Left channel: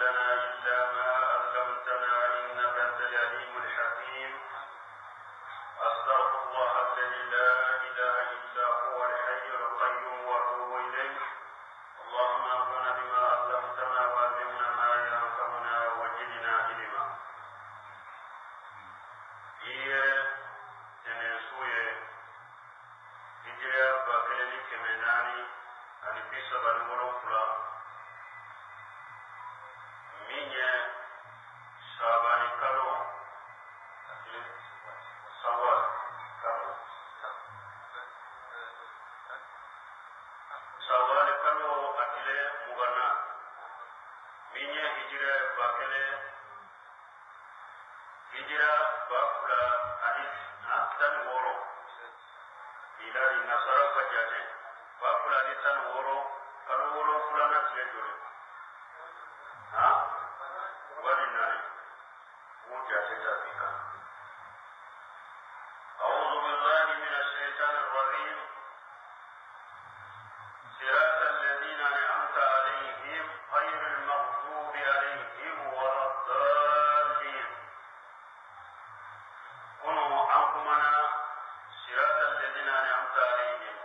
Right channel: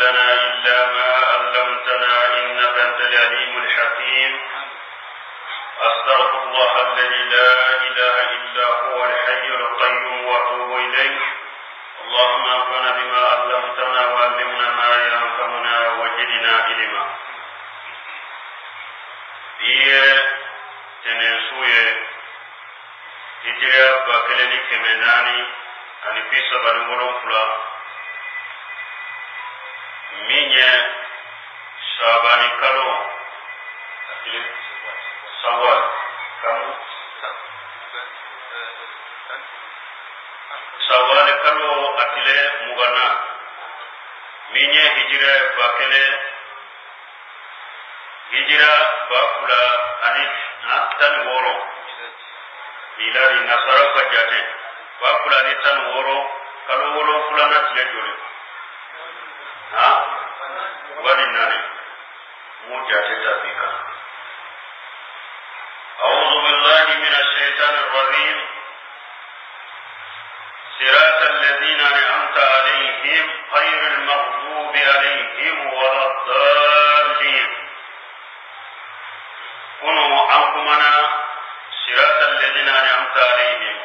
لنا إلا ما علمتنا إنك أنت العليم الحكيم. أستغفر الله الذي لا إله إلا هو الحي القيوم وأتوب إليه. اللهم انفعنا بما علمتنا وعلمنا ما ينفعنا وزدنا علما. تنسوي هجرة باكلني كمناني أني بيسا بنقولون فلا ميني شاباني كالو سوال كم سوال كالو أتلي مغنى ميني هجرة باكلي هجرة باكلا أني تن ورو إلى نصارى فجأة باكلا أني تن ورو كالو ورو فلان أتلي جوري ولناني مجاهدة بك. أعوذ بالله من الشيطان الرجيم. صراط الذين أنعمت عليهم غير المغضوب عليهم ولا الضالين. كونوا عنكمنا صراط الذين أنعمت عليهم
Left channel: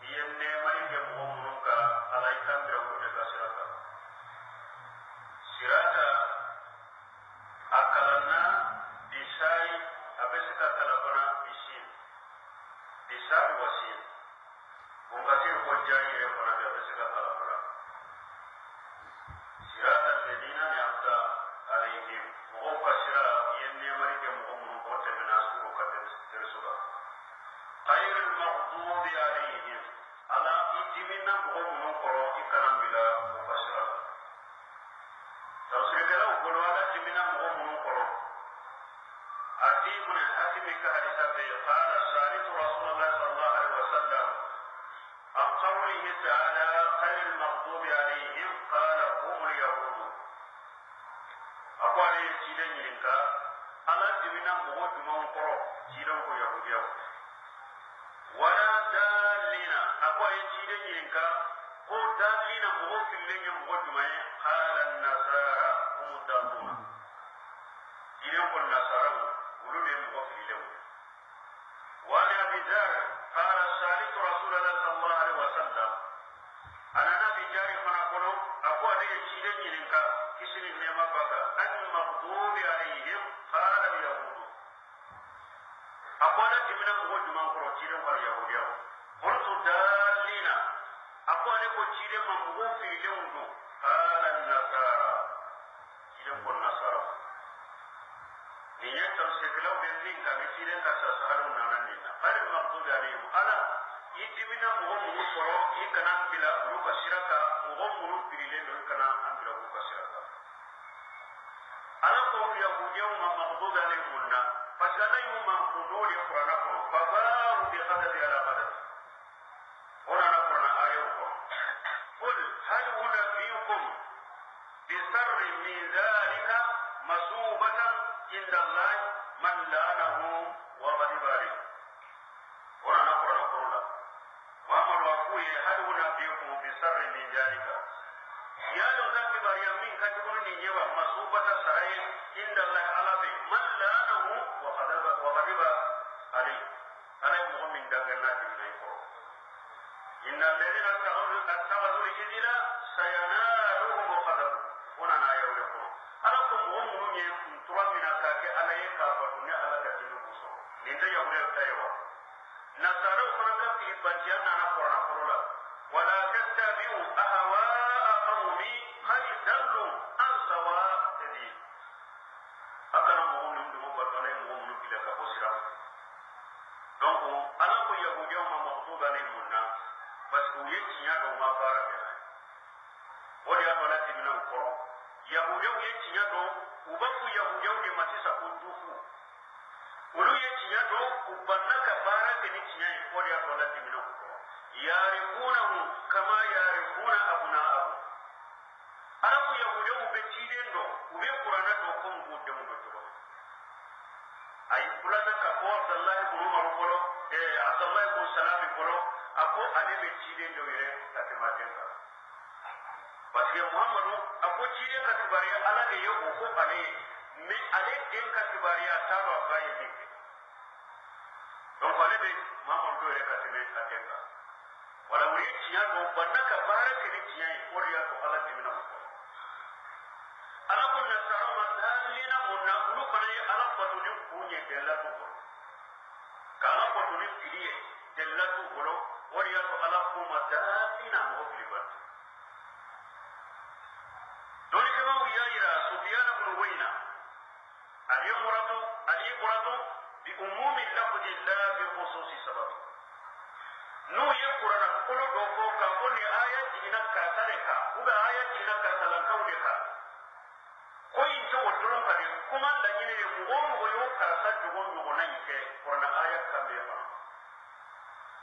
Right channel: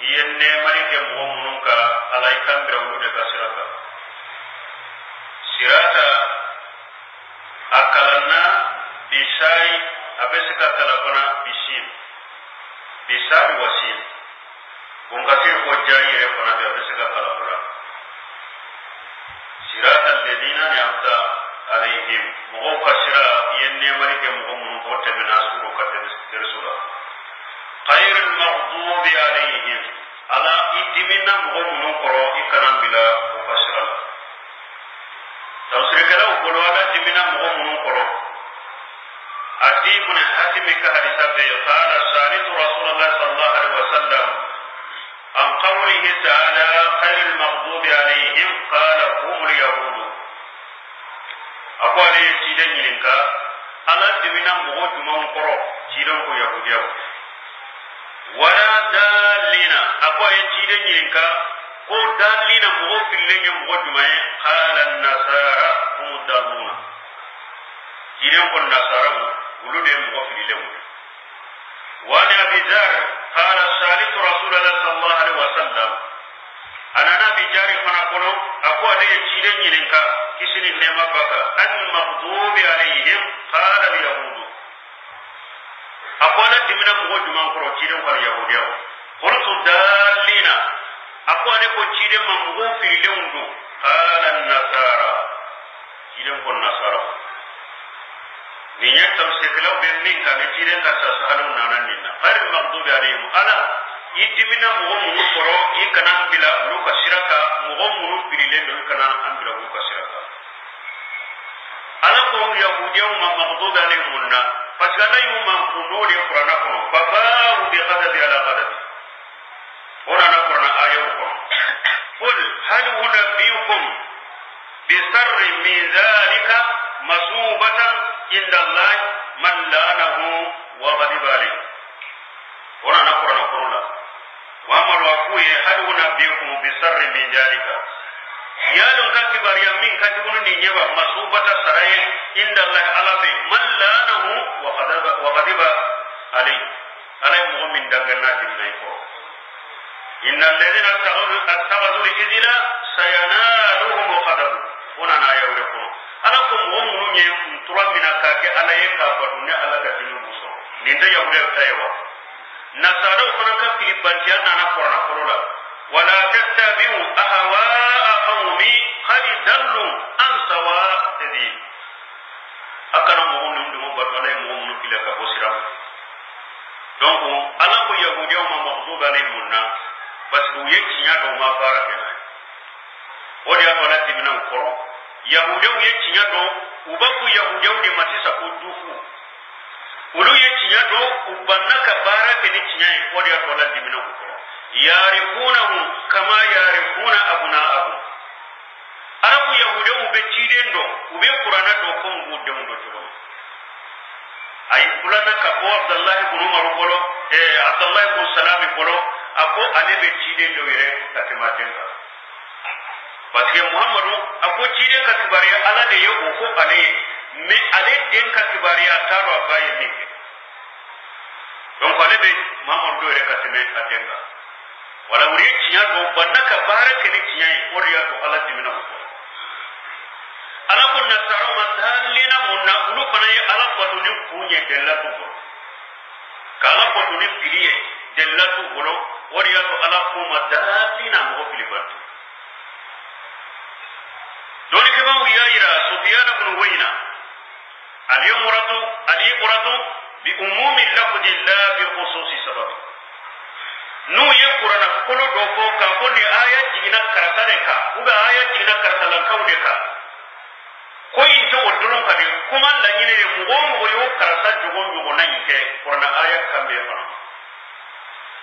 ينّي ملك مؤمنك عليكم برولك صراطا sirata akalana bisai abesika talapana bisin bisai wasin ungkasir wajai repana abesika talapana sirata alladhina ni'amta alaihim mugo kasira yenne marike mugo mun bote menasuru kadresula khairul maghdubi alaihim ala idimina mugo mun koro ikanan bila kasira تفسيركلا وقولوا جمينا مغمون قرو أديبنا حاتمك حديثة قال سألت رسول الله صلى الله عليه وسلم عن قوله تعالى خير المغضوب عليهم قال هم اليهود أقول عليه تيدن يلنكا ألا جمينا مغمون قرو تيدن كو يهوديو ولا دالين أقول عليه تيدن يلنكا ko dalina mo fillenye mo jumaye qala an-nasara hum daluna jiren ko nasara ulude mo fillemu wa li abi zar qala salitu rasulullah sallallahu alaihi wasallam ana nabi jari fana kono ako ale jiren yilinka kisini nema baka an maghdubi alaihim qala al-yahud ako ala dimina mo juman ko jiren ko yahudiya qultu dalina أقول لك تشيد من مغفر لونه قال النصارى تشيد من النصارى من يكتب سكلو بينين كان تشيد كساسالون نانينا غير المغضوب عليهم أنا يدمنا مغمون فرو إكنا بلا لوك شركا مغمون بليلين لوكنا أم بلا لوك شركا أنا قوم يهوديهم مغضوب عليهم لنا فكان يوم كنور القرآن فباءوا بغضب على غضب هنا نقرأ آية أخرى قل هل أنبئكم بشر من ذلك مثوبة عند الله من لعنه وغضب عليه هنا نقرأ وأما الوقوع هل أنبئكم بشر من ذلك يا لون كتبار يمين كتبون نيجوا مثوبة سرائر عند الله على من لعنه وغضب عليه مؤمن دعنا جميعا إن الذين اتخذوا الإذن سينالهم غضب هنا يقولون ألكم هم ترى من كاك على يكابرون على كتير موسى نيندا يقولون تايوا نصارى فنكا في بنتيان أنا قرنا ولا تتبعوا أهواء قوم قد ضلوا عن سواء السبيل أكنا مهم ندم بدونا مهم نكيل كبوسرام donc ala ko yahudiyaw ma maghduba alayhim na parce que yetinya do ma baraka na odi atola timina ko yahudiyaw yetinya do ubaku yahudiyaw de matisa ko dufu ulu yetinya do ubannaka baraka ni tinya odi atola timina ko yarifunahu kama yarifuna abna'ahum arabu yahudiyaw be tidendo ube qur'ana do ko ngudde ndo to ay kulana ka bo Abdullah ibn Umar bolo Abdullah ibn Salam bolo ako ale be tidendo yere takematenga parce que muhammadu ako cire ka kibariya ala de yo ko ale me ale den ka kibariya taro baye min donc ale be muhammadu do re ka teme atenga wala wuri ciya do bannaka baraka ni ciya o riya to ala dimina ko ala ko nasaro madallina munna ulu fanaye ala batu ni kunye dellatu ko kala batu ni filiye dellatu bolo o riya to ala ko madallina mo filibatu doni ke ba wiya ira sufyan ibn wayna al-ibratu bi umumi lafzi la bi khususi sababi nu ye qur'ana kolo do ko ka ko ni aya jigina karata de ka uga aya jigina karata lan ka de ka ko in to wodron ka de kuma la nyine mu go mu yo karata jogon jogo nan ke qur'ana aya kambe fa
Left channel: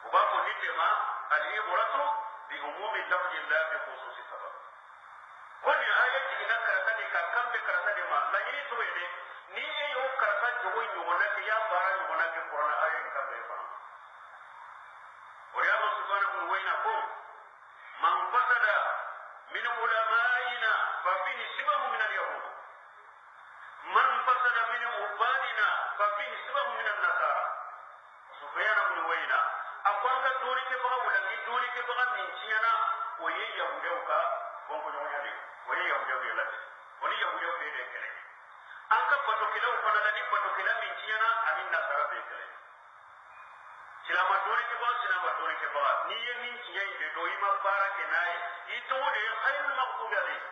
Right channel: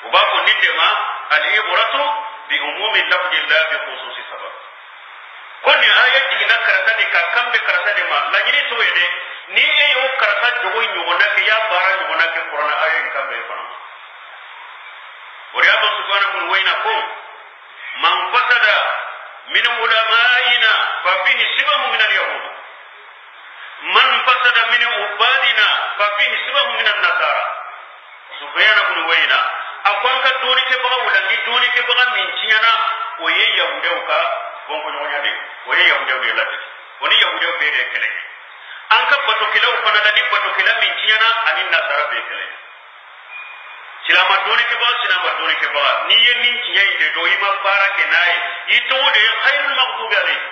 uba ko ni de ma al-ibratu bi umumi lafzi la bi khususi sababi konni aya jigina karata de ka kambe karata de ma la nyini to yede ni e yo karata jogo nyugo na ke ya bara nyugo na ke qur'ana aya kambe fa ورياض سبحانه وين قوم من فسد من علمائنا ففيه شبه من اليهود من فسد من عبادنا ففيه شبه من النصارى سبحانه وين أقوان كدوني كبغا ولا دوني كبغا من تيانا ويه يهودوكا وانكو نونيا دي ويه يهودو دي لاتي وني يهودو بيري كلي أنك بطوكلا وفنالني بطوكلا من تيانا أني النصارى بيكلي silama doni ke ba ni ye nin tinya inde do ima para ke nae ito de khairul maghdubi alayhi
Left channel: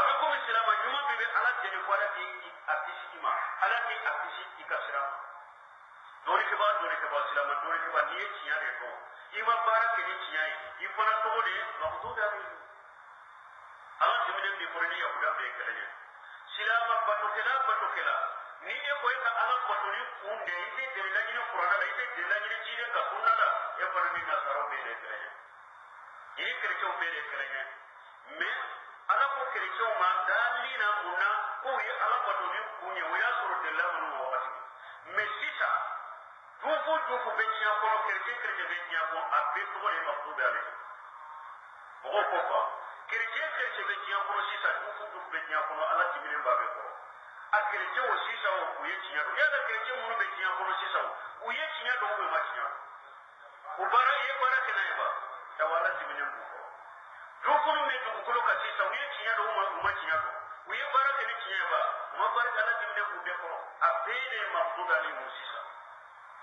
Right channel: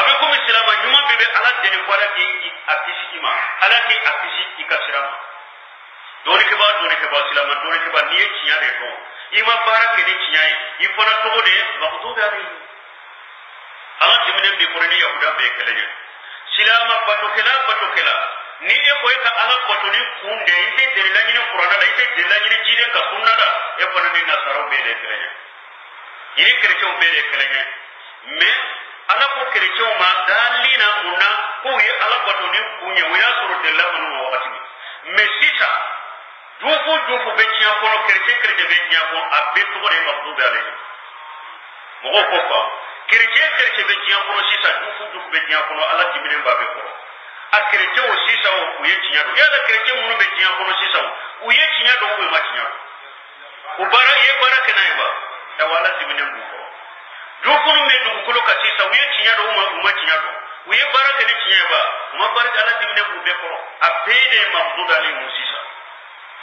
abe ko silama nyuma bebe ala de ne kwara ki akisi ima ala ki akisi ikasirama doni ke ba silama doni ke ba ni ye tinya de do ima para ke ni tinya yi fona to de maghdubi alayhi ala dimene bi korani yahuda be kelenya silama patokela ni e ko ka ala botoni kunde ite delani ni qur'ana da ite delani ni jide ka sunna da e ko ni nasaro be de kelenya ini kercho be de kelenya me ala ko kercho ma dalina munna ko ye ala botoni kunye waya suru delani no wakati me sita dufu be tiya ko no kerche be tiya ko abbe to ko de mabdubi alayhi mo ko ko kerche be tiya ko sita dufu be tiya ko ala jibine ba be ko akirete o sisa o uye tinya do ya da kirete munu be tinya kono sisa o uye tinya do ko ma tinya ubara ye bara kana ba da wala dimine nguko do kunu me do ko ka sisa uye tinya do ma tinya do uye bara kana tinya ba ma bara ala dimine bu be ko abede mabduda ni musisa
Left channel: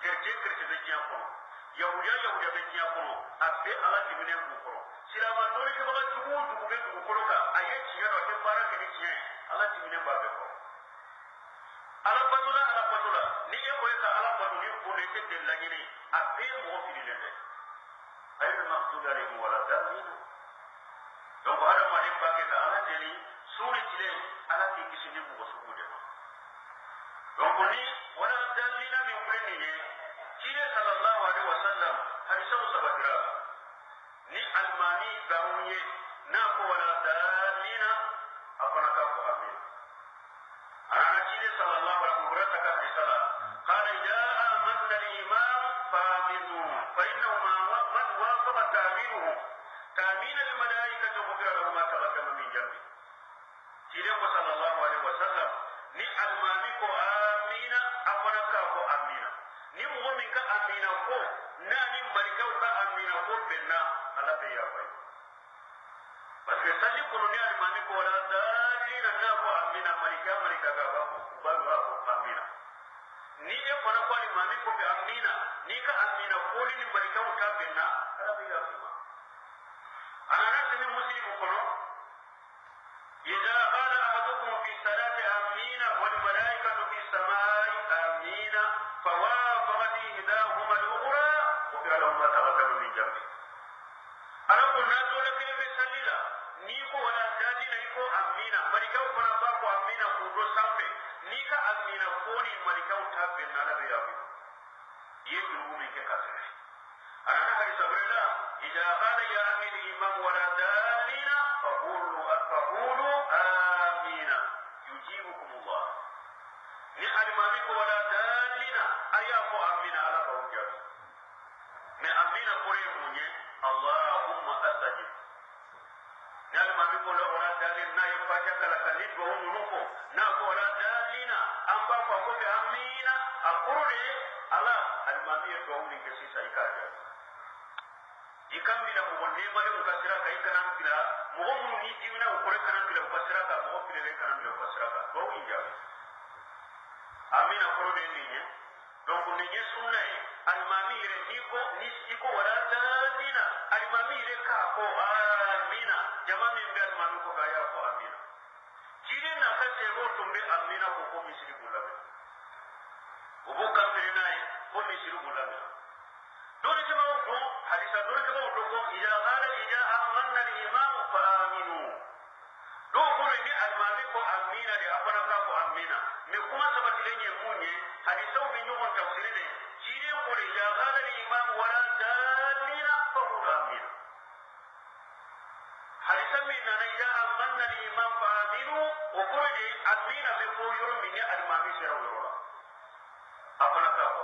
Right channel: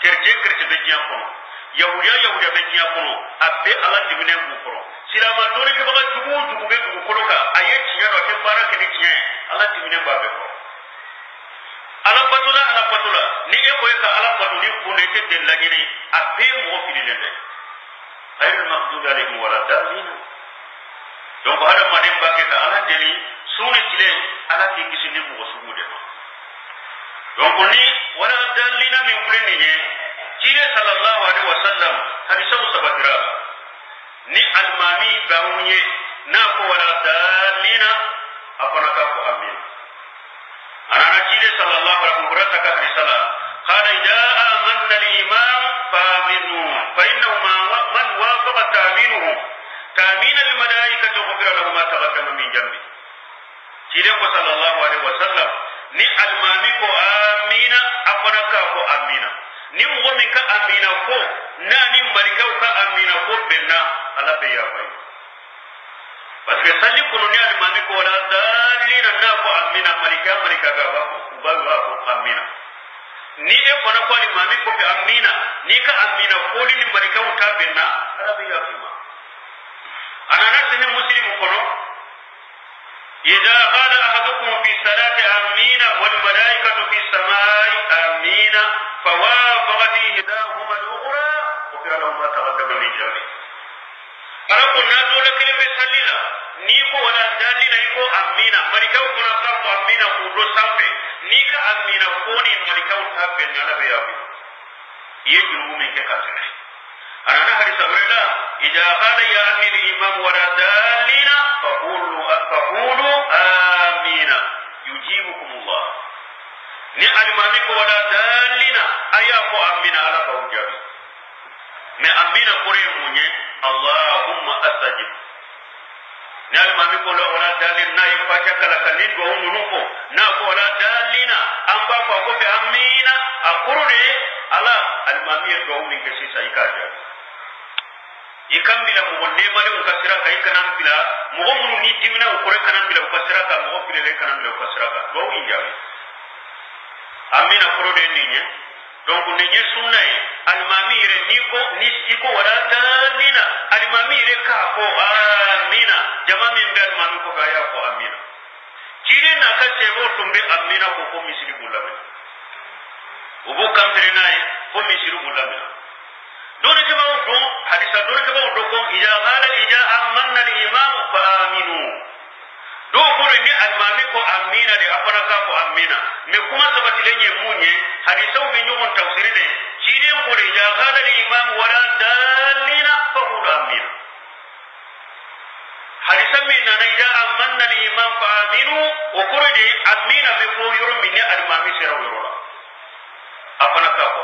kirete be tinya kono yahuda be tinya kono abbe ala dimine nguko silama do ke ba dugu be dugu ko ka aye tinya do ke bara kana tinya ala dimine ba be ko ala batula ni e ko ka ala batuli ko ne te de lagini ape mo filile de ayyul maghdubi alayhim wala dalin donc hada madem ba ke ka ala deli sunu tile ala ki kisini mo sugude donc ni wala dalina min kulli ni tile sallallahu alaihi wasallam hadisa sabatira ni almami bawunye na ko wala dalina apana ka ko amin أنا نجيل صلى الله عليه وسلم رسالة قال إذا آمن الإمام فآمنوا فإنه من وافق تأمين الملائكة غفر له ما تقدم من جنبه جيل صلى الله عليه وسلم ni almami ko amina afana ka ko amina ni mo min ka amina ko na ni marika ka amina ko benna ala be ya fay parce que sali ko ni almami ko la dalina na ko amina marika ga ba ko amina ni e fana ko almami ko be amina ni ka amina ko ni marika ka benna ala be ya fay ana na muslim ko no إذا قال أحدكم في الصلاة آمين والملائكة في السماء آمين فوافق إحداهما الأخرى غفر له ما تقدم من ذنبه. أنا قلنا دولة كلمة سليلة نيكو ولا دالينا يكو آمين ملكا وكنا صرف آمين كودو سامبي نيكا آمين كوني ملكا وتابي نانا بيابي يجنو من كاسنة. أنا نهر سبرلا إذا قال يا أمير الإمام ولا دالينا فقولوا آمين يجيبكم الله ni alimami ko wala dalina aya ko amina ala bawjabi me amina kore munye allahumma astajib nal mami ko la wala dalil na ifaka kala kalin do nunuko na ko wala dalina amba ko ko be amina akurde ala al mami do min ke sisa ikaja ikambila ko ne male ko kasira kai kanan bila mo mun ni timina ko re kanan bila ko kasira ka mo ko le kanan bila ko kasira ka do inja amina akurde ninye donc ninye sunna al mami re niko ni iko wala dalina al mami re ka ko amina jama min be al mami ko ga ya ko amina kire na ka sebo tumbe amina ko misiri bulame ubu kamtere nayi ko misiri bulame dole ke bawo do hadisa dole ke bawo do ko ija qala ija amanna al imam fa aminu do ko ni al mami ko amina de apana ka ko amina me kuma sabati lenye munye hadisa bi nyugon tafsiri de kire ko ija qala al imam wala dalina fa amina hadisa min na ija amanna al imam fa aminu o kuridi amina be ko yoro min al mami sira yoro apana ka ko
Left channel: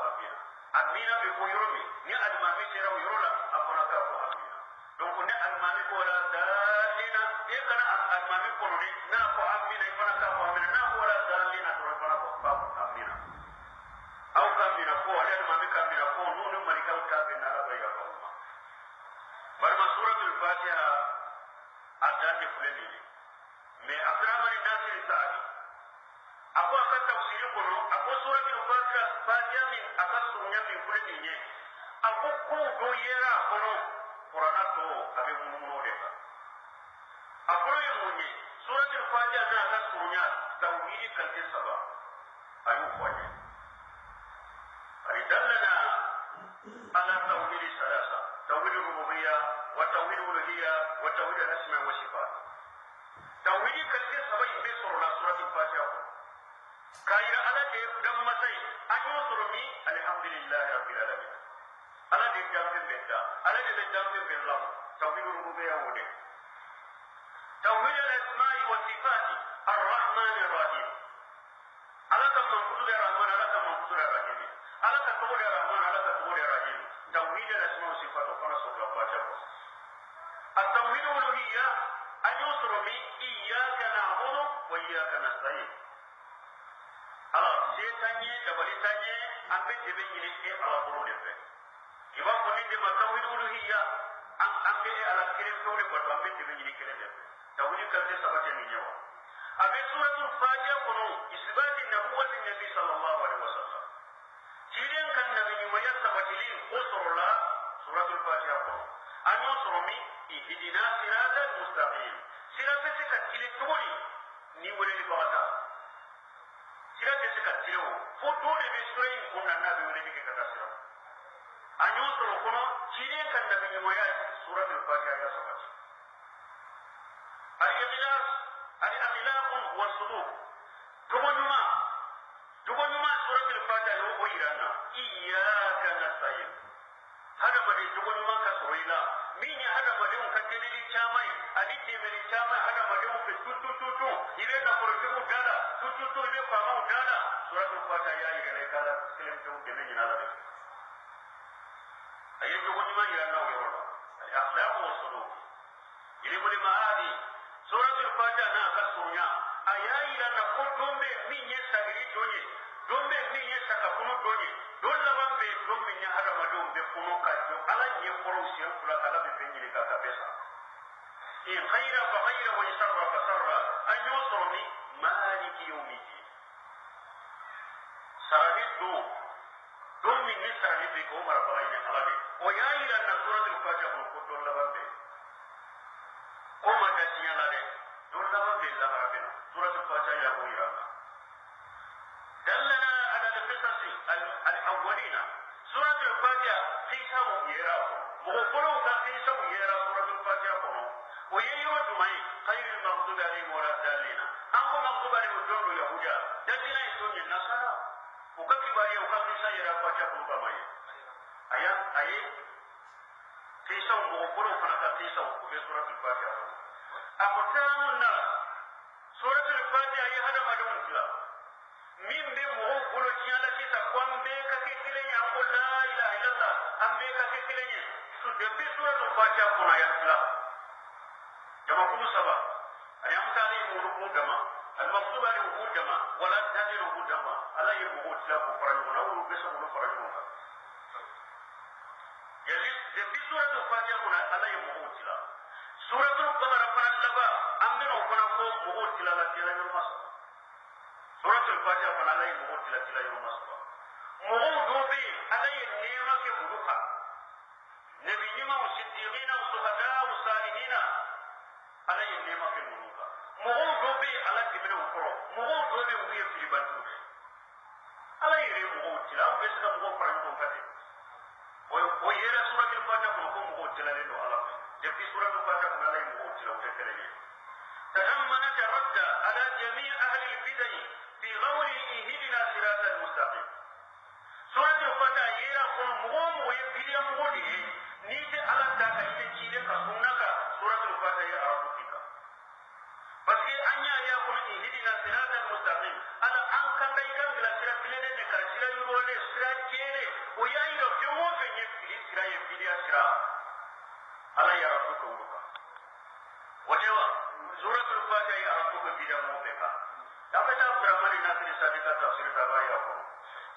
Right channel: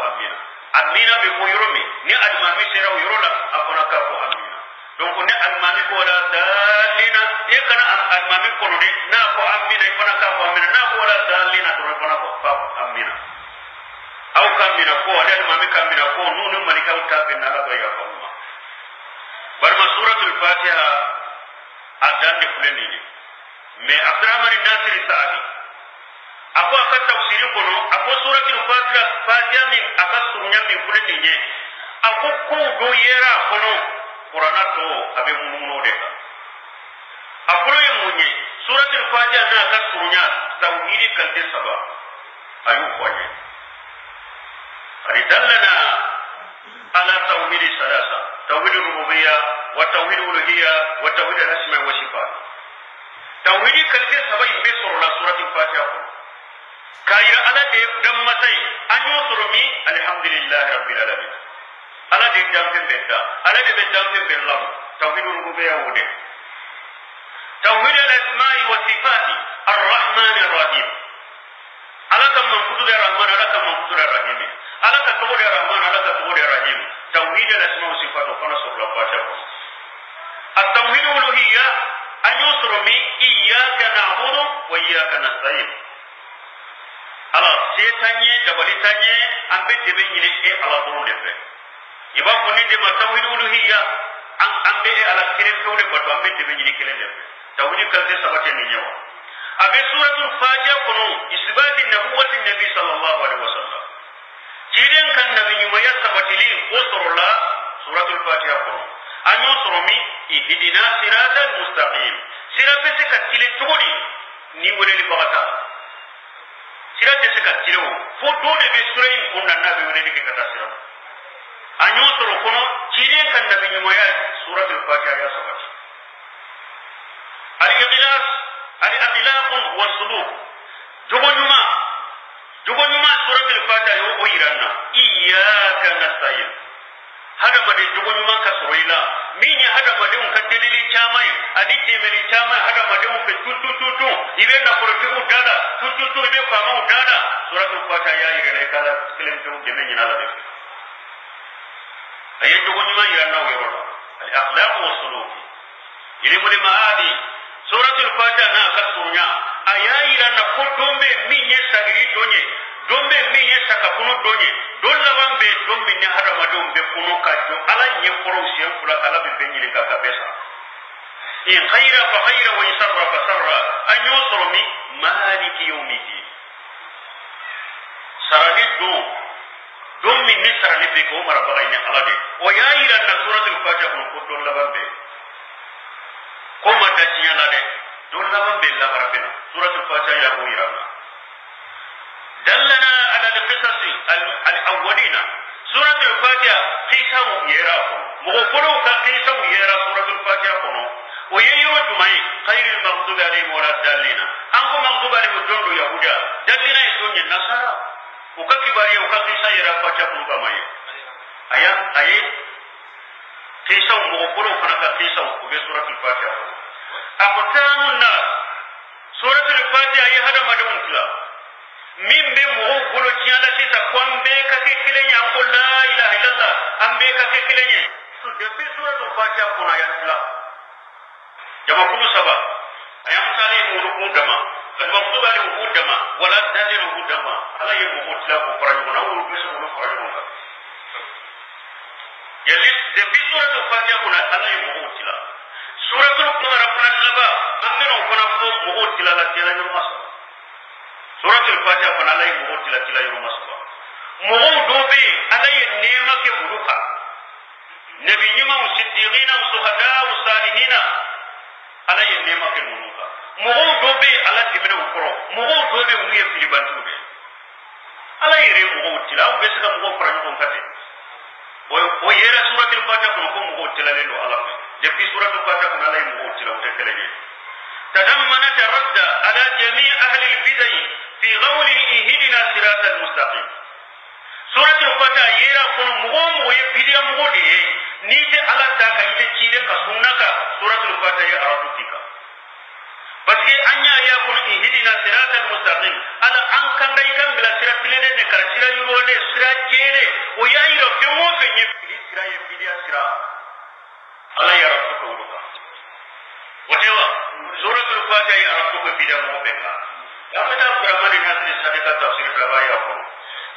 amina be ko yoro min ni al mami sira yoro la apana ka ko amina donc ne al mami ko la dalina e kana al mami ko ne na ko amina e kana ka ko amina na ko la dalina to apana ko amina aw kamina ko al mami kamina ko nunu malika utabe na la ya ko barma suratul fatiha adan fulani ne me abdurrahman nasir saadi ako aka tafsiri kono ako suratul fatiha min aka surunya min fulani ne ako ko do yera kono qur'ana to abe mununo de ako ye munye suratul fatiha na aka surunya tauhid kalde saba ayu kwaje aridallana ala tauhid salasa tauhid rububiyya wa tauhid uluhiyya wa tauhid al-asma wa sifat tauhid kalke sabai be surla suratul fatiha ko kayira ala de dammatai anyo surumi alhamdulillah rabbil alamin ala de jamten betta ala de jamten bellam tauhid rububiyya wude tauhid al-asma wa sifat ar-rahman ar-rahim ala kam man kutuda rahman ala kam man kutuda rahim ala ka tubuda rahman ala ka tubuda rahim tauhid al-asma wa sifat ko na surla fatiha ko التوحيد الألوهية أن يصر من إياك نعبد وإياك نستعين على سيتاني دبلتاني أم بدبين يلي على طول لفه يبقى كوني دم التوحيد الألوهية أم بدي على كلام كونه بدو أم بدبين يلي كلام لفه توحيد كذا سبعة نيجوا أبي سورة الفاتحة كنو إثبات نبوة النبي صلى الله عليه وسلم جيران كان نبي يوميا سبعة لي وصر الله سورة الفاتحة كنو أن يصرمي إهدنا صراط المستقيم صراط سكتيل تقولي نيولي لبغتا صراط سكتيل فدون بسورين كنا نبي ولي كتا صراط أن يصر كنا جيران كان نبي يوميا سورة الفاتحة يا سبحانه الإخلاص الأخلاق والسلوك جبنما سورة الفاتحة يو إيرانا إياك نستعين hada made jogo nyuma ka soila minya hada made un ka delili chamai ani temeli chamai hada made un ka tutu ibe na koroti udada tutu ibe kwa ma udada suratul fatiha ya ire kala kelem to deme nyina la def ayi jogo nyuma ya na wero al akhlaq wa suluk ile mule maadi suratul fatiha na ka sunya aya ira na ko dombe minye sagiri donye dombe minye sakakuno donye dolla wambe dombe ni hada madum be kuno kajo ala nye koro sien kula ala be benyi ka kabesa in khaira fa khaira wa isarra fa sarra an yusru mi maliki yawmidin sarani do min ni sarani be ko mara bagay ni ala de o yaira na suratul fatiha ko dolla wambe ko mata tiya la de dolla wambe la barabena suratul fatiha ya ko irana دلنا على القصص الأولين سورة الفاتحة قيسا يراكو مغفرو كقيسا يرا سورة الفاتحة كنو وييرو جمعي خير المغضوب عليهم ولا الضالين أنكو مغضوب عليهم جندو يهودا دلنا يسون النصارى وككباري وكقيسا يرا فاتحة كنو كماي أي قيسا مغفرو كنا قيسا وبسورة الفاتحة أقتام الناس سورة الفاتحة يهدى مدون كلا min be mo bolo tiala sita kwambe ka kekilenya ko la ilaha illallah ambe ka kekilenye so depuis suratul fatiha kuna ya islam jama kulu saba ayam tali muruku dama المغضوب عليهم هو دما ولا الضالين هو دما على يموت لا كفرون او بيسمو فرون يلي في سورة الفاتحة كنا على يموت لا سورة القمر كنا لبا أمنو كنا فوق موت لا تلا يوم مسا سورة الفاتحة كنا على يموت لا تلا يوم مسا موت دوبي على النعمة كأولوكا نبينا والصديقين والشهداء والصالحين على النعمة كأولوكا موت دوبي على تبنا وكرو موت دوبي ويا في البنتوبي على يري موت لا وبسنا موت فرنجون كتير ويرى سورة الفاتحة كنا موت لا لينو على في سورة الفاتحة كنا لا يموت لا وتكلمين تضمنت الرد على جميع أهل البدع في قوله اهدنا الصراط المستقيم سورة الفاتحة يرى كنا مغوم ويبدي مغودي نيت على ذاك يتجيد كسونك سورة الفاتحة يأرادوكيك بس أنيا يكون اهدنا الصراط المستقيم على أنكم دايكم بلا صراط لنا نكرسيرا يروه صراط جيره ويأيرو كمو فيني صراط يبدي صراط الله يرفعك ولوكا وتوا سورة الفاتحة يرفعك بلا موبكا يأخذ برمان الناس لسانك تفسير كوايا أقول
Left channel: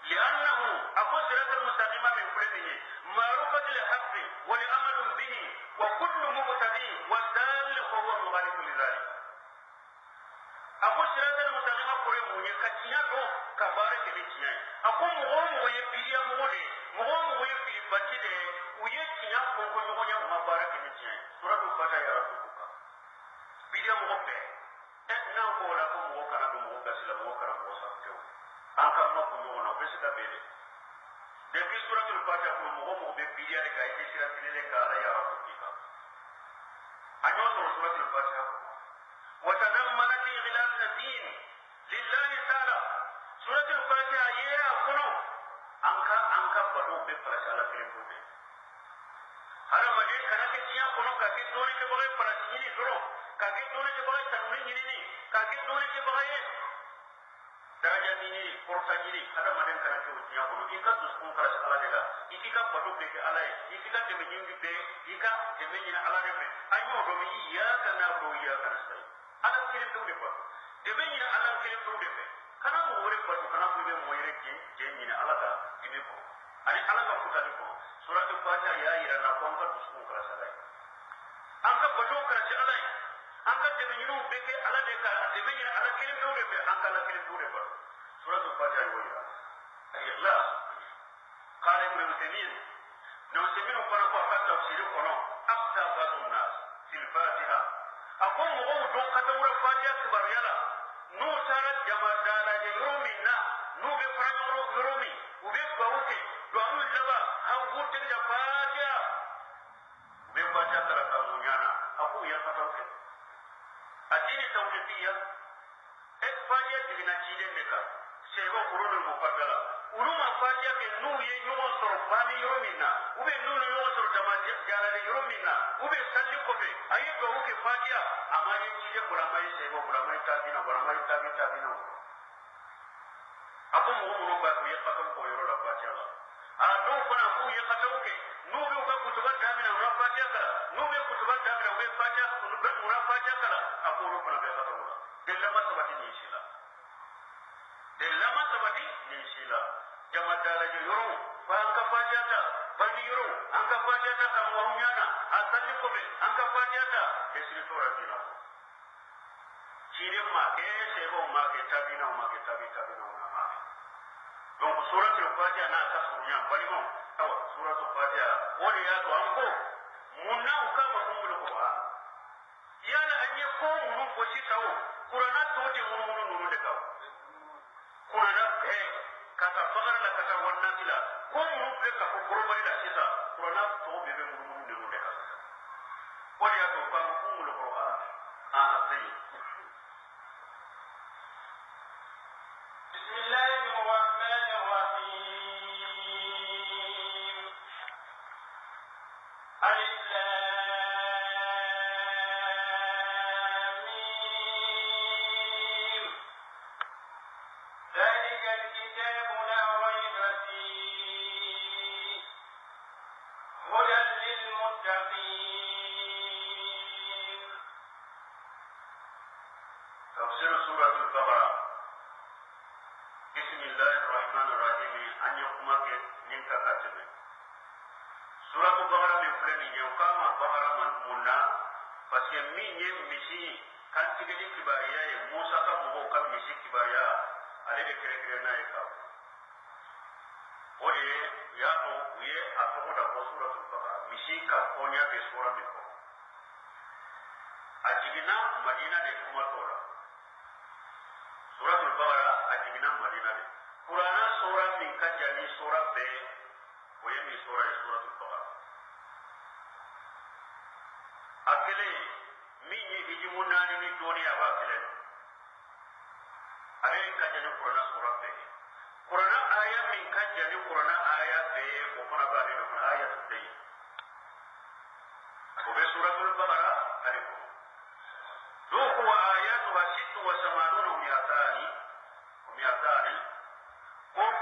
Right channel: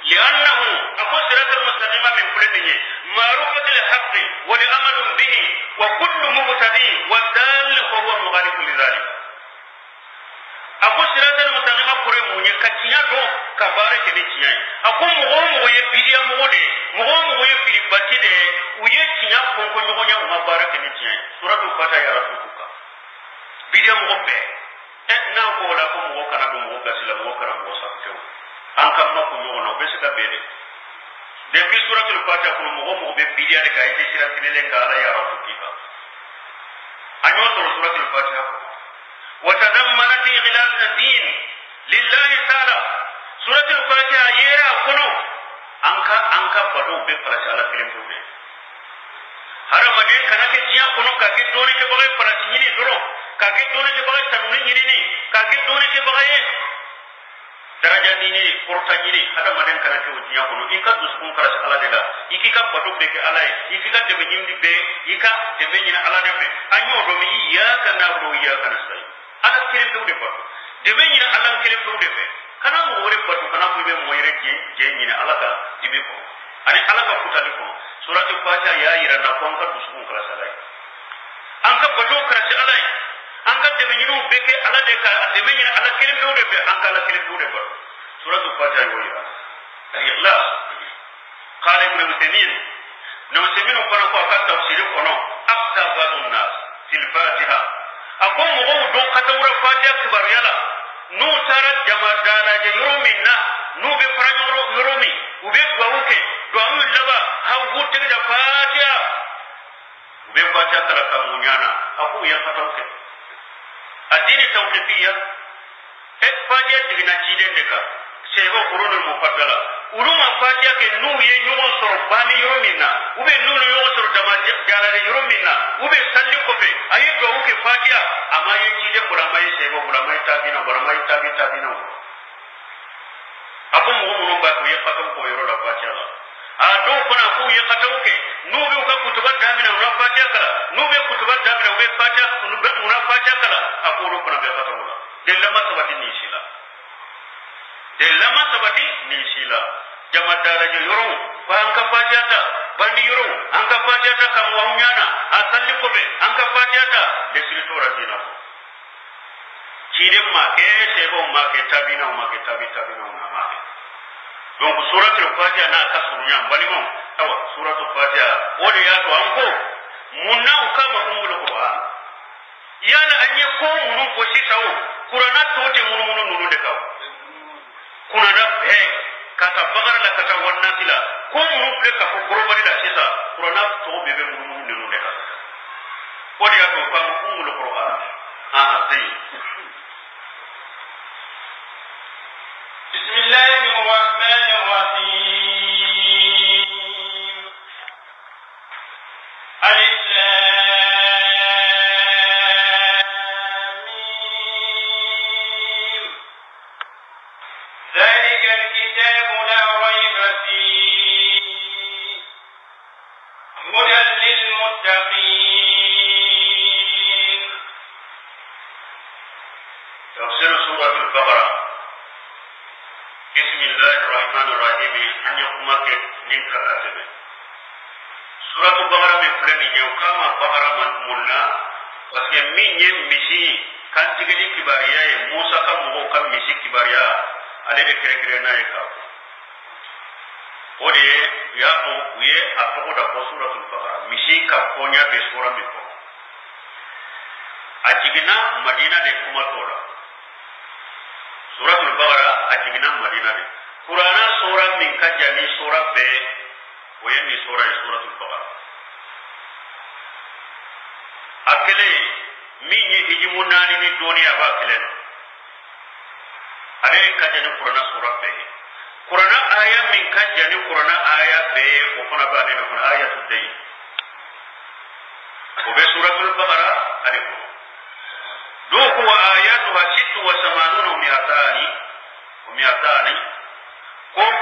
لأنه أقول صراط المستقيم من كل دين معروفة الحق والأمل به وكل مبتدئ والدال فهو مغالب لذلك أقول صراط المستقيم أقول مني كتيا دو كبارة كنيتيا أقول مغوم ويبيديا مغوم ويبيدي باتيدي ويتيا كونكو نغنيا ومبارة كنيتيا سورة الفاتحة يرفعك بيديا مغبة na ko la ko mo kana do mo gasila mo kana mo sa ko an kam na ko mo na be sika bede depuis suratul fatiha ko mo be bidia de kay de sira tinele ngala ya rabbuki ka anyo suratul fatiha wa tadammanat ighlas ad-din lillahi ta'ala suratul fatiha yera kono anka bado be pala ala film be hara madin kana ke jiya kono ka ke doni ke bagay pala nyini doro kaki doni ke bagay tanuni nyini ni kaki doni ke bagay daraja ni porta nyini ada maden kana ke ujiya kono ika duskun karas ala de la ikika batu be ke ala ikika de be nyindi be ika de be nyina ala de be anyo do mi ya kana do ya kana sai ala kirim do de batu de be nyina ala kirim do de be kana mo wore batu kana ko be mo yere je nyina ala ka dibe ko ani ala ka kutali ko suratul fatiha ya ira na ko ka duskun karas ala anka batu karas ala anka deme ñinu beke ala de ka deme ñina ala kirim do de be anka ala kirim do de ba suratul fatiha yo ya al-ikhlas qala ibn muslimin ko ko ka tafsir ko no aftabadun nas fil fatiha akum mo do katawra fatiha kibar yala nu tara jama dala je yurumina nu be faranyo yurumi ube gwauke do amu laba ha wutte da fatiha ube fatiha kala kamunyana aku ya katawke الدين التوقيفية فاجئ دينا جيدين دكا سيبو قرون المفضلة ورما فاجئ كنو ينصر باني يرومينا وبي نو ينصر دما جالا يرومينا وبي سالي كوبي أي دوك فاجئ أما يجيدين برامي سيبو برامي تابينا أكو مغمون باكو يقاتو كو يرو فاجئ الله do fana ko ye katawke nube ka kutuba damina una fatiha kala nube kutuba damina ube fatiha una fatiha kala akoro fana be katawla dellama sabati ni sila jama daraja yoro fa anka fatiha ta bandi yoro anka fatiha ta kam wanyana asalli ko be anka fatiha ta desrito radina chire ma ke sebo ma ke tabina una ma donc suratul fatiha na kasurunya balimo awa suratul fatiha wode ya to anko munna kama umul qur'an yana anye ko munun ko sitawo qur'ana to te munun de kaw kuna na kata bagara la kata wannan tila ko munun ple ka ko gorobari da sita qur'ana to bebe munun de kaw wode ya to kama umul qur'an sai بسم الله الرحمن الرحيم ألف لام ميم ذلك الكتاب لا ريب فيه هدى للمتقين البقرة. بسم الله الرحمن الرحيم. أن يقومك نينك كاتبه. سورة البقرة من فلان يوكام البقرة من منا بس من يمشي كان تجلي كباريا موسى كم هو كم مشي كباريا عليه كركرنا يكاب. ودي يا أو ويه أتوقع ده سورة البقرة مشي كابونيا بسورة ميكو. أجينا مدينة دكما تورا. سورة البقرة أجينا مدينة دك. قرآن سورة من كجاني سورة ب ويني سورة البقرة. أكله مين يهجمون ناني الدنيا باكلنا. عليه كجاني قرآن سورة ب. قرآن آية من كجاني قرآن آية ب وكنا بعدين كنا آية الدين. وبسورة البقرة عليكم. دوك وآياتها 86 ومئتان كم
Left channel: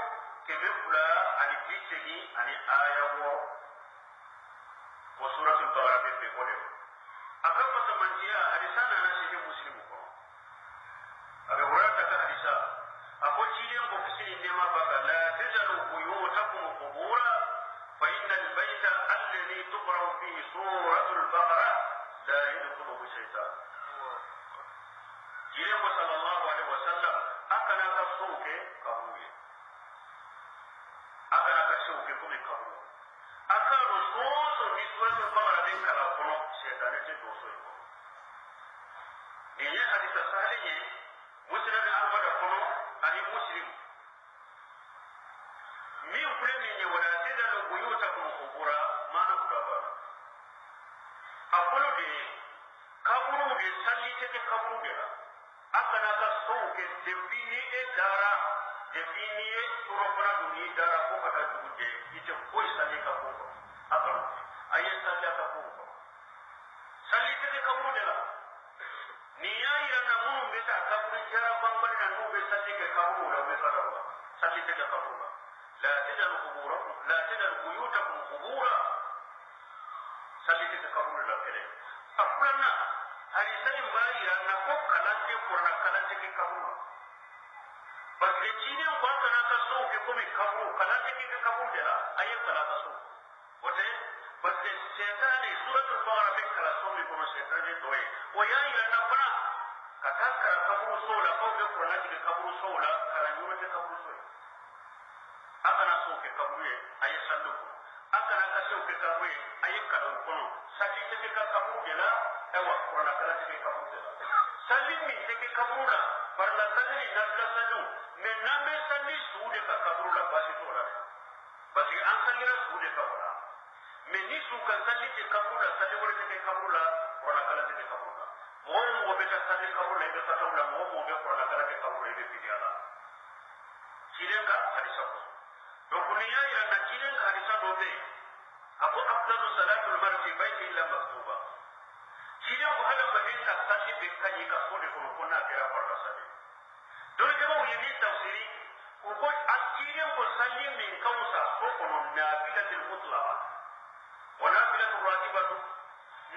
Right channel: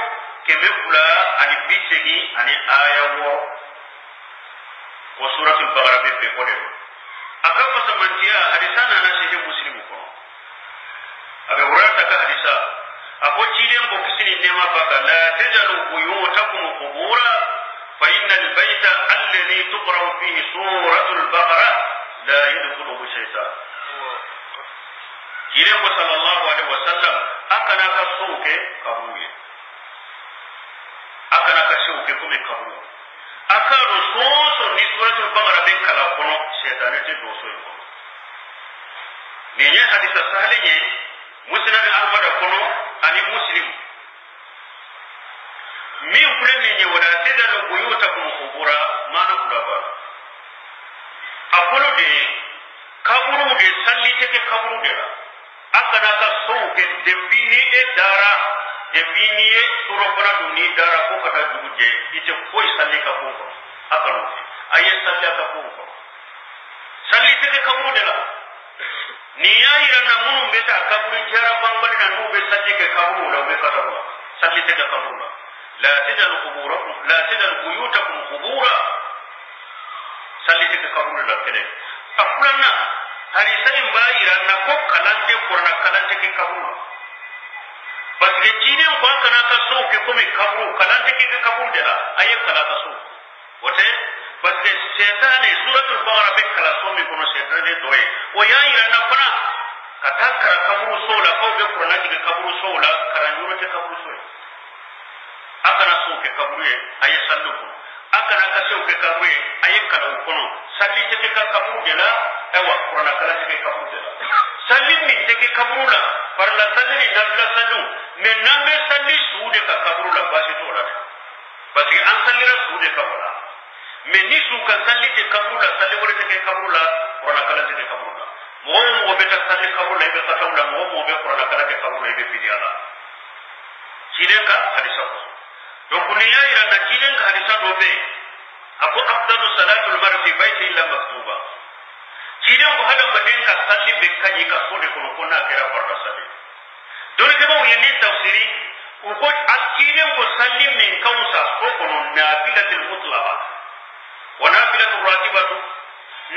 كمفلا أني بيتشي أني آية وسورة البقرة بيقولون أكف سمنتيا حديثنا أنا شيء مسلم كون أبي هريرة كحديثا أقول تيلين بوكسين إنما بقى لا تجعلوا بيوتكم قبورا فإن البيت الذي تقرأ فيه سورة البقرة لا يدخله الشيطان. Jirengo sallallahu alaihi wasallam akana ka souke kabuye akana ka souke kuma kabu aka rososo ni suratul baqara bin kala kono shaytan te doso yi ne ne hadisa sahalenye musnad ahmad kono ani muslim mi kule ne wala tadal buyutakum qubura mana kula ba akolo de kaburu de salli te kaburu de akana ka souke debini e dara debini e surokona duni dara ko kata duje ite koy salli ka ko akano aye salli ka ko salli te kaburu de la ni ayira na munum beta kaburu jara bambali na nube salli ke kaburu la be kata wa salli te kaburu la tadal quburakum la tadal buyutakum qubura salli te kaburu la kene afulana hari sanin bayira na ko kalante kurna kalante ke kaburu bas ke jine ko kana ka so ke kuma kaburu kalante ke kaburu de la ayi kala ka so wote bas ke shaytan suratul baqara be kala so mi kono shaytan de doye o yayira na kuna kata kara kaburu so la ko be kurna ke kaburu so la karanjuro te kaburu so akana so ke kaburu e ayi sallu ko akana ka so ke kaburu e ayi kala kono salli te ka kaburu de la ewa kurana kala ke kaburu de la salli min te ke kaburu la par la salli nabla sallu men nambe salli suude ka kaburu la basi to la parce que an salli ra suude kaburu la men ni su kan salli te kaburu la salli wala te ke kaburu la kurana kala te ke kaburu la mo beta salli kaburu la be katawla mo be kurana kala ke kaburu la be bidiala cidenka hadisa ko donc ni ya ira na cidenka hadisa do be ako afdalu salatul mar'i fi baiti illa maktuba ciiden ko hada maden ka salli be kanyi ka sode ko na kera farda salli don ke ba yini tafsiri ko ciiden ko salli min kausa ko kono nafilatul mutlaqa wa nafilatur ratibatu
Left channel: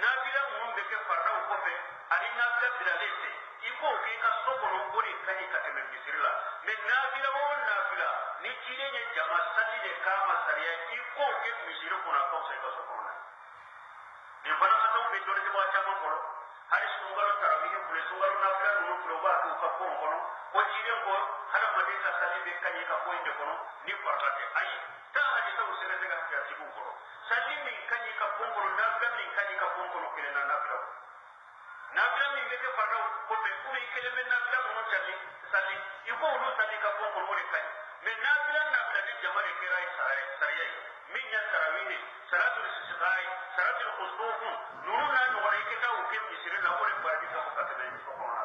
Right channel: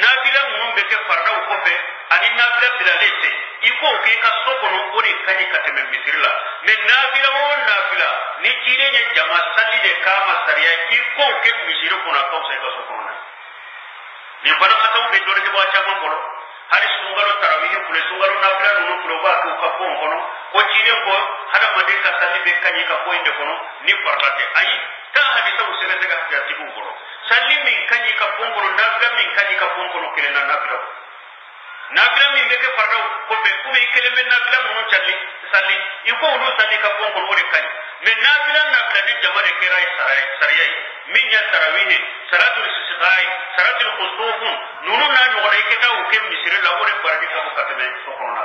nafila mun be ke farda ko fe ani nafila bilalete iko ke ka so kono ori kanyi ka teme misirla men nafila won nafila ni ciiden ne jama salli de kama sariya iko ke misiro ko na kausa ka so kono ni bana ka taw be do ke ba chama kono hari sungalo tarawih kule sungalo nafila nunu kulo ba ko ka ko kono ko ciiden ko hada madin ka salli be kanyi ka ko inde kono ni farlate ay ta hadisa usere daga hadiya tibu kono salli min kanyi ka ko kono nafila min kanyi ka ko kono kele na nafila min be ke farda ko be ko be kele men nafila mun salli iko ulu salli ka ko kono wore kanyi men nafila ni jamare kirai sariyai min ya tarawih salatul istisqai salatul khusuf nunu na no wore ke ta o ke misire la wore bardi ka ko katame so kono na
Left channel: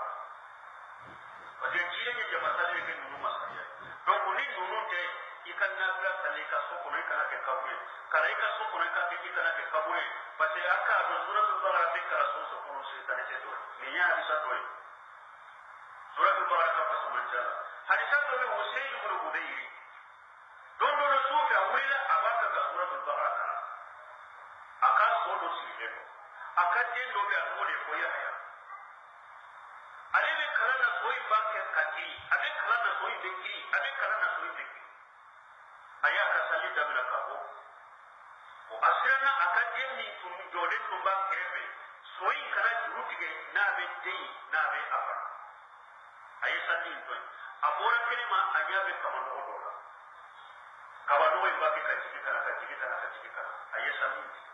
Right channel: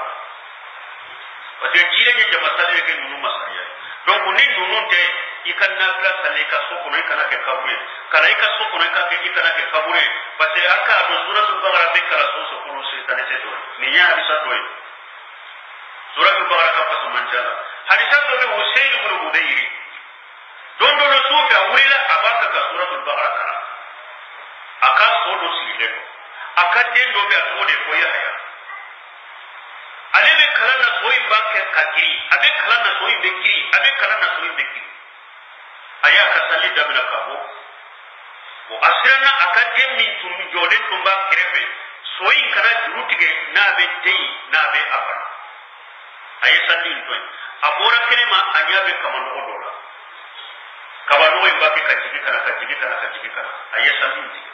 wate jire ne jama salli ke nunu masariya donc ni nunu te ikan nafila salli ka so kono ikana ke kabure kala ika so kono ka ke ikana ke kabure parce aka do suratul baqara be kala so kono se tanese do ni ya hadisa do suratul baqara ka pasu manjala hadisa do be Usayd ibn Hudayr don do no sufa wurila abaka ka suratul baqara kala aka so do sile do aka den do be atode ko ya ale be kala na so imba ke kagiri abe kalana so imbe giri abe kalana so imbe giri aya ka salli dabna kabo o asirana akadde min tum jole tumba kirebe so in kana jurutige na be dei na be abara aya salli ntoy abora kelema anyabe kamano odola kabano imba ke kajigi kana aya salli ntoy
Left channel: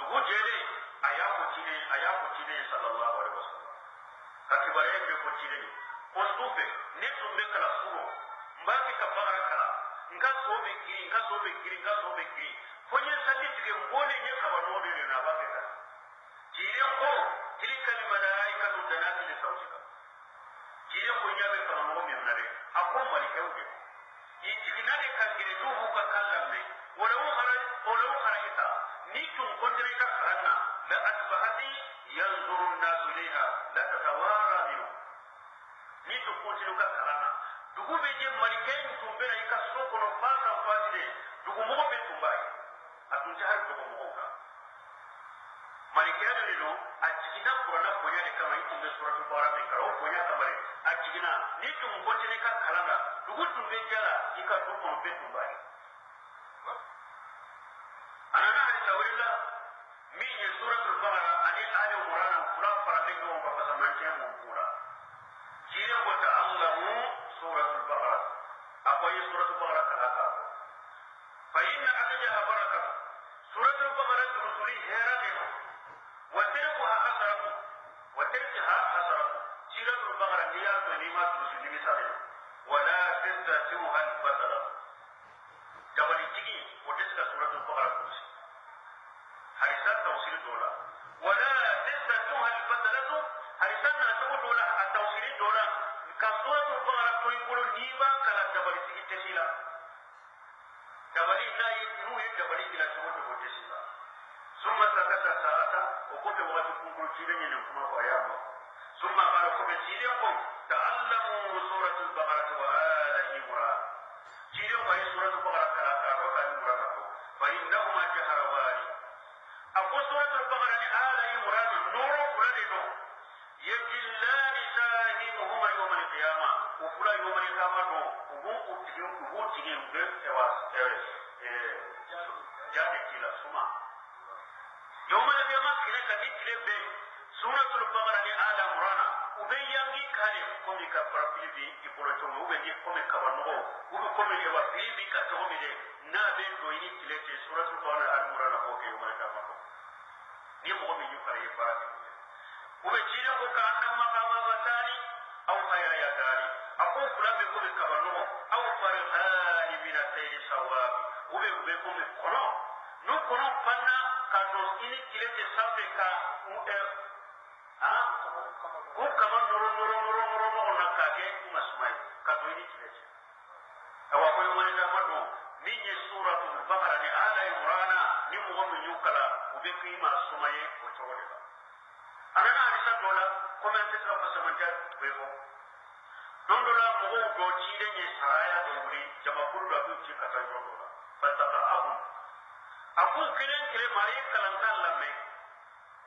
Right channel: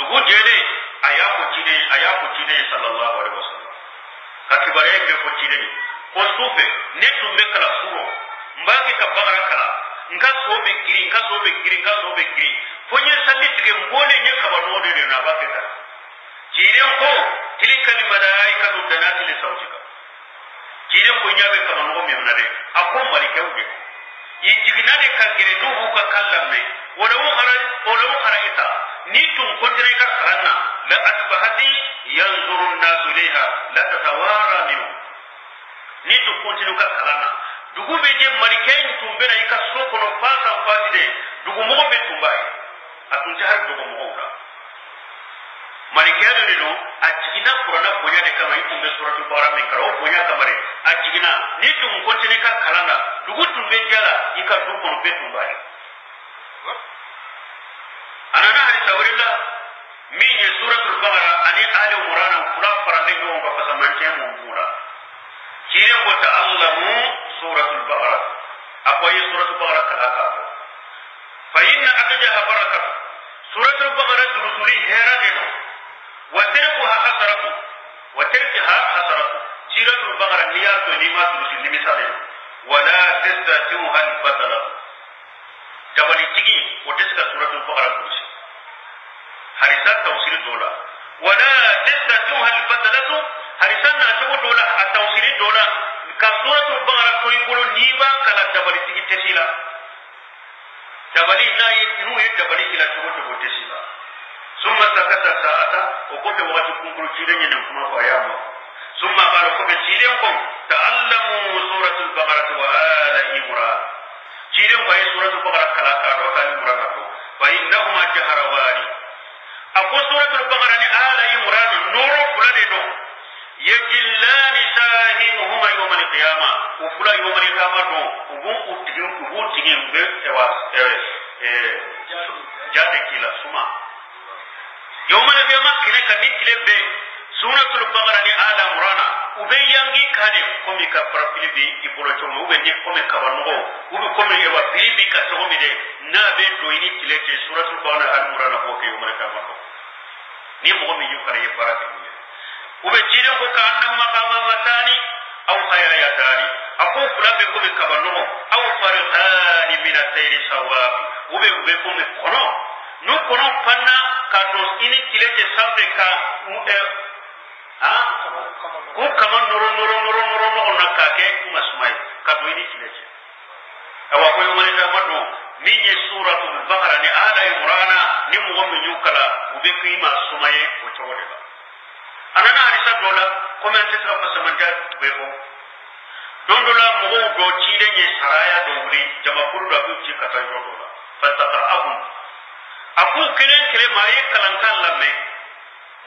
dugu jele aya ko cine sallallahu alaihi wasallam kakibare be ko cine ni ko sufe ne tumbe kala suro mbaki ka bagara kala nka sobe giri fonye salli tige mbole nye kabano de na baketa cine ko tilkal malaikatu danati li sautika cine ko nyabe kabano me munade akon malike uje yi jignade ka gire nuhu ka kallamme wala khara ita ni tun kontire ka karanna la asbahati yanzuru an-nas ilayha la tatawara minhu ni tun kontire ka karanna dugu be je malikain tumbe na ika soko no fasa faside dugu mo be tumbai atun jahar dugu mo ora malikain de no ajigina qur'ana bonya de kama tumbe suratul baqara me karo bonya kamare ajigina ni tun kontire ka karanna dugu tumbe jala ika dugu no be tumbai anana hari sawrilla min ye suratul baqara ani ali imran kula farande yo ko fasamante mo bura jire ko ta'allamu suratul baqara akoy suratul baqara kala ka fa inna akjaha barakat suratul baqara rusuli hera de wa tarkuha hasaratu suratul baqara niyatu lima rusuli misale wala tastati'uha al-batala jabali tigi o deska suratul baqara kursi harisa tawsir dola wala tastatuha al-badalatu harisa na to dola at-tawsir dola ka suratul baqara ko ibolo niba kala jabali tigi tesila jabali na yinu jabali kila to tesila summa takata sa'ata o ko be wati kunkuru cirenye nan kuma fa yama summa qala ko be ciren ko ta'allamu suratul baqara wa ala imran ciren ko suratul baqara kala ka do kan imran ko fa innahuma jaharawani ako suratul baqara ni ala imran nuru fulade do yajillani sahimuhuma yawm al-qiyamah wa fula yawm al-qiyamah do ubu tigin be ewas jade kila suma yawm al-qiyamah kine kan nikile be suratul baqara ni ala imran ube yangi kane komi ka parapili ibolo chomo ube ni komi kabano ube komi ewa bibi ka tomi de na be do ini tilete suratul baqara al imran ko ke yawm al-qiyamah ni mo mi yukara ye baraka ni ube jide ko ka annam maqama matani aw khayayatani ako fulabe ko be kabano aw farqani min at-tayri sawab ube ko me kono no kono panna ka do ini tilete sambe ka ko kaman noro no na ka ke masmai ka do ini tilete awa ko yo mali ta madu ni ye suratul baqara ni ala imran ni mo mi yukala ube kima sumaye o chawde ba anana hadisa dola comment tra pasamanja bebo dondola mo do chide ye saraya do wuri jama kuru da ku ci kata yo dola fataqahum aku kire maye kalankan lamme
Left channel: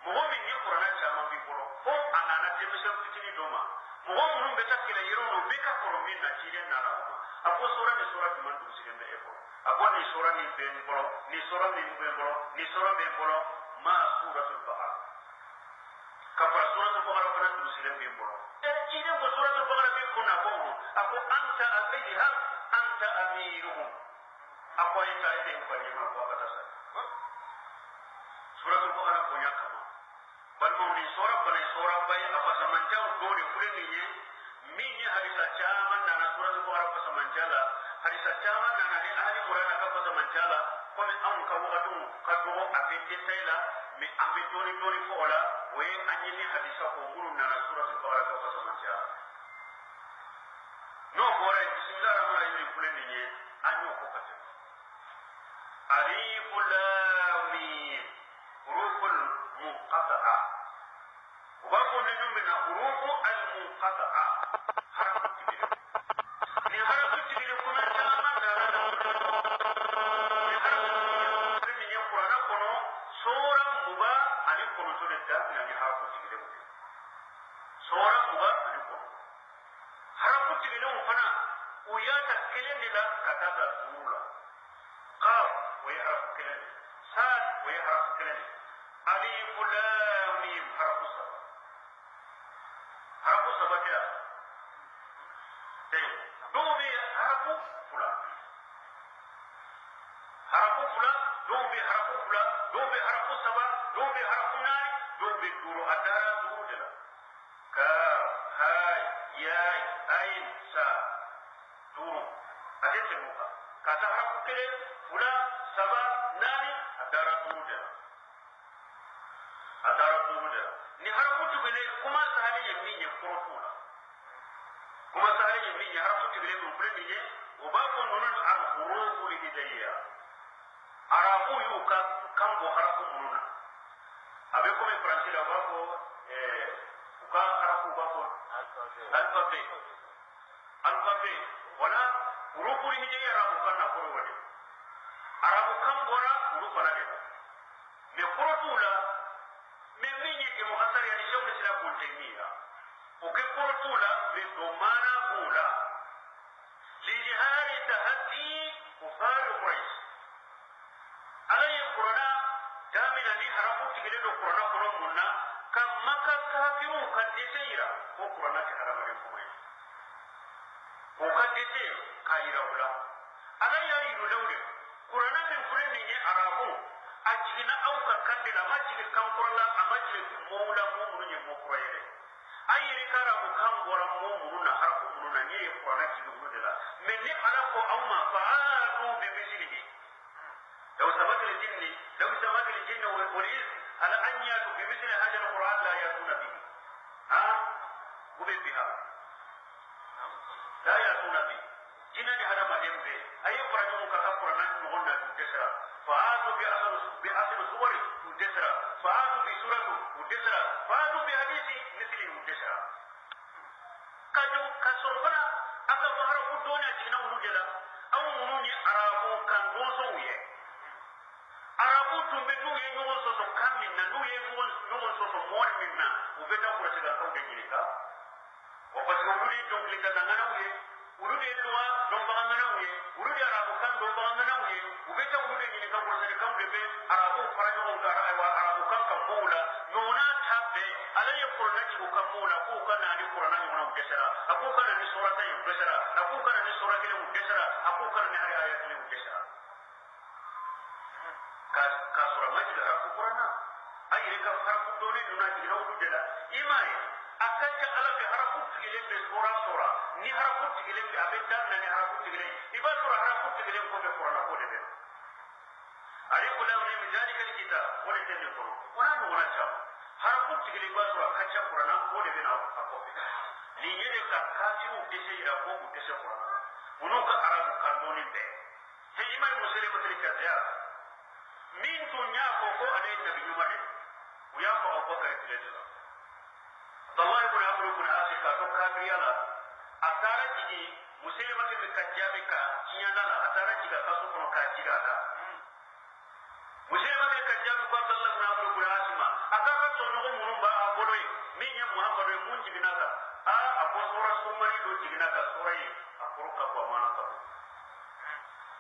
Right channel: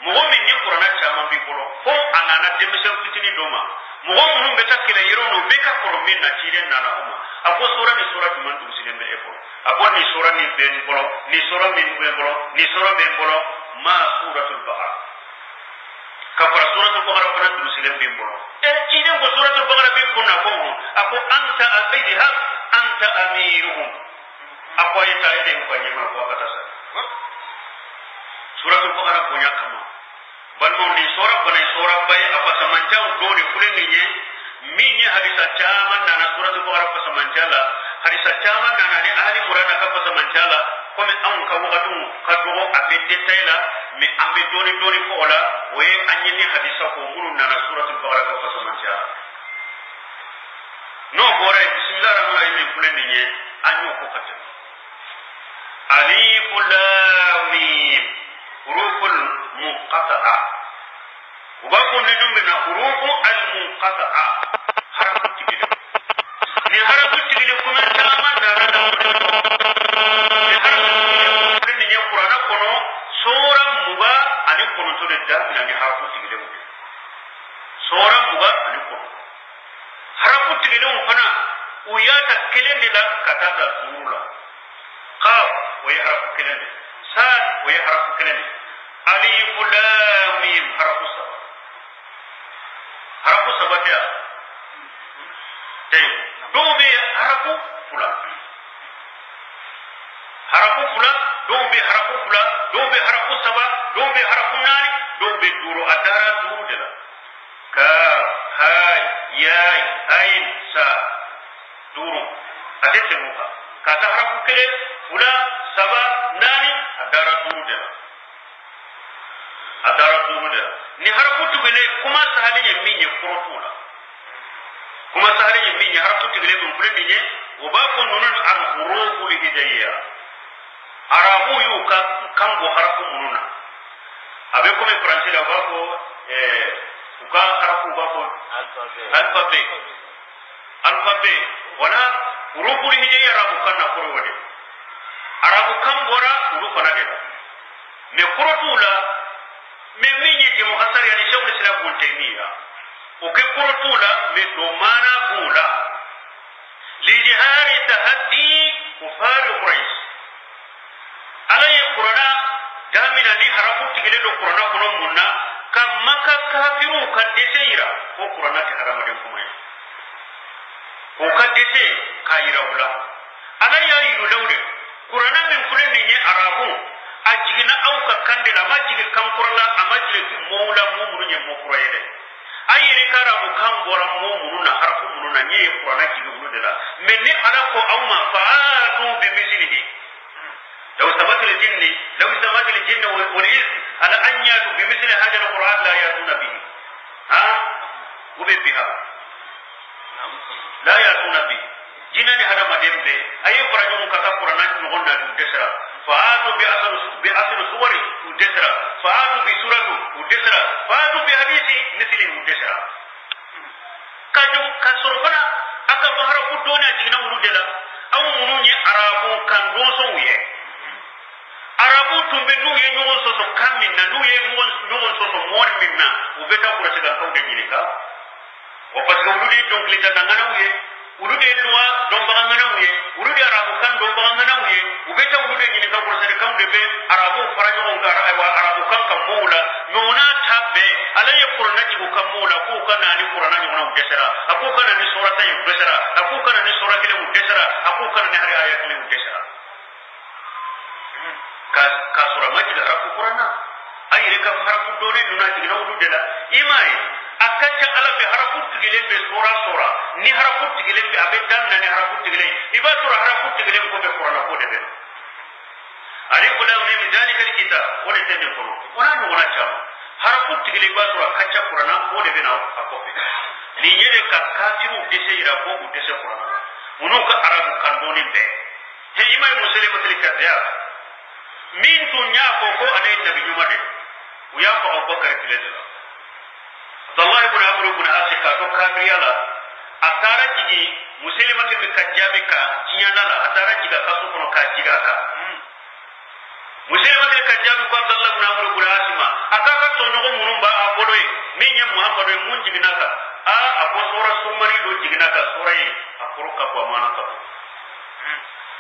mo mi ni qur'ana chama bi bolo ko anana demission fitini doma mo mun be takile yero no be ka ko min na chide na na umma ako sura ni sura duman du muslim be efo ako ni sura ni ben bolo ni sura min ben bolo ni sura ben bolo ma suratul baqara ka para suratul baqara para du muslim ben bolo chide ko suratul baqara be ko na ko ako anta al-idhab anta amiruhum ako ita ide ko nyama ko kata sa suratul baqara punya kama balmo ni sura bay apa samanjang do ni kulen ni minye hadisa chaman na suratul baqara pa samanjala hadisa chaman na ni ali murana ka pa samanjala kome an ka wakatu ka do abe detaila mi ambe doni ko ola we anyeni hadisa ko munu na suratul baqara ka pa samanjala no bore bismillahir rahmanir rahim kulen ni anyo ko kata alif lam mim huruful muqatta'a ubako nidum bina hurufu al munqata'a harafu tigile ni harafu tigile kuma taman darada ni harafu tigile ni qur'ana kono sura muba ani kono to de damina ni harafu tigile mu sura muba ani kono harafu tigilin fana uyata kelendi la katata surula qaf way harafu kelendi sad way harafu kelendi alif lam mim harafu sabata tay dobe harafu fula dobe harafu fula dobe harafu saba dobe harafu nani dobe duru adara duru dela ka hay yai ain sa duru adete muka kata harafu kele fula saba nani adara duru dela ni harafu tugele kuma sahalinye minye kurotula kuma sahalinye minye harafu tugele bunkule minye ubako nunun al-hurufu lihidayya arabu yu kango harafu mununa abe kome francais la ubako uka harafu ubako alphabet wala hurufu lihidayya arabu kanna kurowade arabu kambora hurufu nadela me kurotula من يجي مخسر يعني شغل الإسلام ابن تيمية وكبر طولا من دومانا بولا لجهار تهدي كفار قريش على القرآن جامنا لي هربوا تجلد القرآن كلهم منا كما كافروا كدسيرا وقرآن كهرم دمكم وكدسي كايرا ولا على يا لولد قرآن من كل نية عربو ajigina auka kandela majigi kankurala amajigi moula mumunu nye mokurayede ayiri kara mukambora mumunu na harfu munu na nye kurana jigi munu dela menni alako auma faatu bimislihi law sabati al-jinni wal ins ala an yatu bimithli hadha al-quran la yatuna bihi ha ubiha la yatuna bihi jinani hada madembe ayi qur'anu kata qur'ana ngonna du desra فآتوا بأصل صوري ودسرا فآتوا بسورة ودسرا فآتوا بحديث مثل ودسرا كسرفنا أكا بحر فدونا جينا ورودلا أو منوني عربو كان روسو ويه عربو تنبنو ينوون سوسو كامنا نوون سوسو مون منا وبتا قرسكا كون دجينيكا وفاسكا ولودي دونك لتنانا ويه ulude luwa don bagangana uye ulude arabu kan don bagangana uye ubeta ulude nyini ka kurasani kan debe arabu faranyo ngara aywa arabu kan kan moula nona tabbe alaye qur'ana jibu kan moula ko kana ni qur'ana ni wona udesara aku kana ni surata yu udesara aku kana ni surata ni udesara aku kana ni hari ayat ni udesara ka sura majid arabu qur'ana ayire ka harafu dole nona jigina ulude la imai akacha ala be harafu tigelen be sura ni harafu tigelen be abedan na ni harafu tigelen ibatu harafu tigelen ko be qur'ana ko de be alif lam mim zalika alkitab wala tani qur'an qur'an wala chama harafu tigelen ibatu akacha qur'ana ko de be na akofe ni yere ka kafiru dese ira ko dese qur'ana unuka arabu kandoni be he imay muslimatul kadya min tunya ko anay nabi yumade uya ko abubakar tilala Abdullah ibn Amr ibn Asika to kabriyala atara jigi muslimati bi kajjabika ciyanala atara jiga kasu kono kajiga ka muslimati kajjabi ko Abdullah ibn Amr ibn Asima akaka to no munumba abodoy minya Muhammadu mun jiginaka a apo sura sumari do jiginaka surai akuruka kwa manaka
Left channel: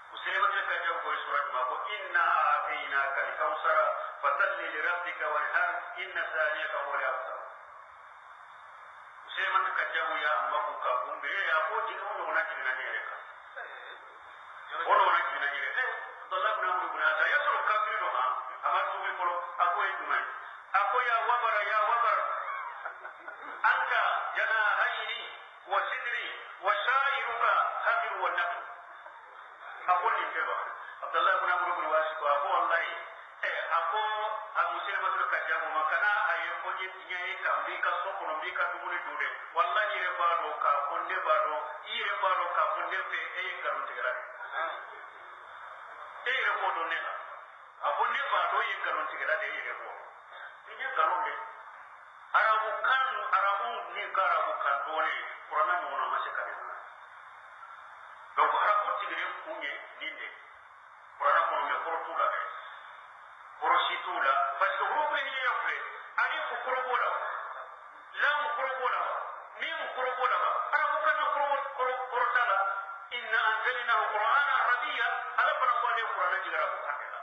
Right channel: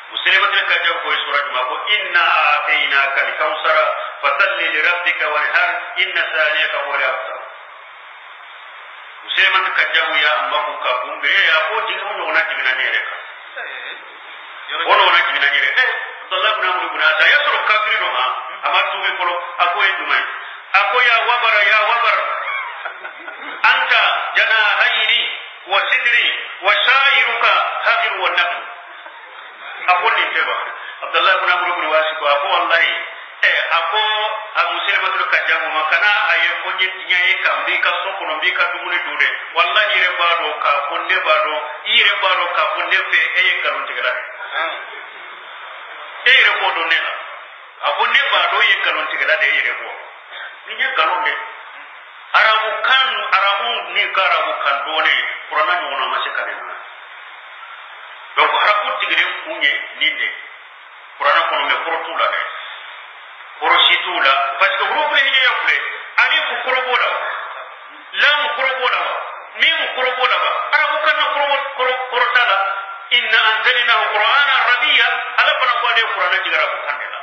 muslimati kajjabi ko sura ma ko inna atainaka al-kausara fasalli li rabbika wanhar inna saniyaka huwa al-abtar usema tukajabu ya ambapo kakumbe ya koji ngono unajibina nyereka ono unajibina nyereka Abdullah ibn Amr ibn Asa yasuru kafiri no ha amatu be kolo akoy dumai akoya wabar anta janahayni wa sidri wa shairuka hadir wa naql akoni teba Abdullah ibn Amr ibn Wasi ko ako wallahi ako muslimatul kajabu makana aye konje nyaye kambi ka soko no mbika dumune dude wallahi re bado ka konde bado ire bado ka konde fe eye kalon tigala ire ko do nela akonde bado ye kalon tigala de ire ko ni je kalon de arabu ni karabu kan done qur'ana ni wona masikane na donc arabu tigire kunye ninde qur'ana ko no me portula de porositula parce que groupe ni yakule ani ku korobola lam korobola mim qur'ana ba ara ko kan qur'ana inna anzalnahu qur'ana arabiyya ala bana ko de qur'ana jigara ko kandela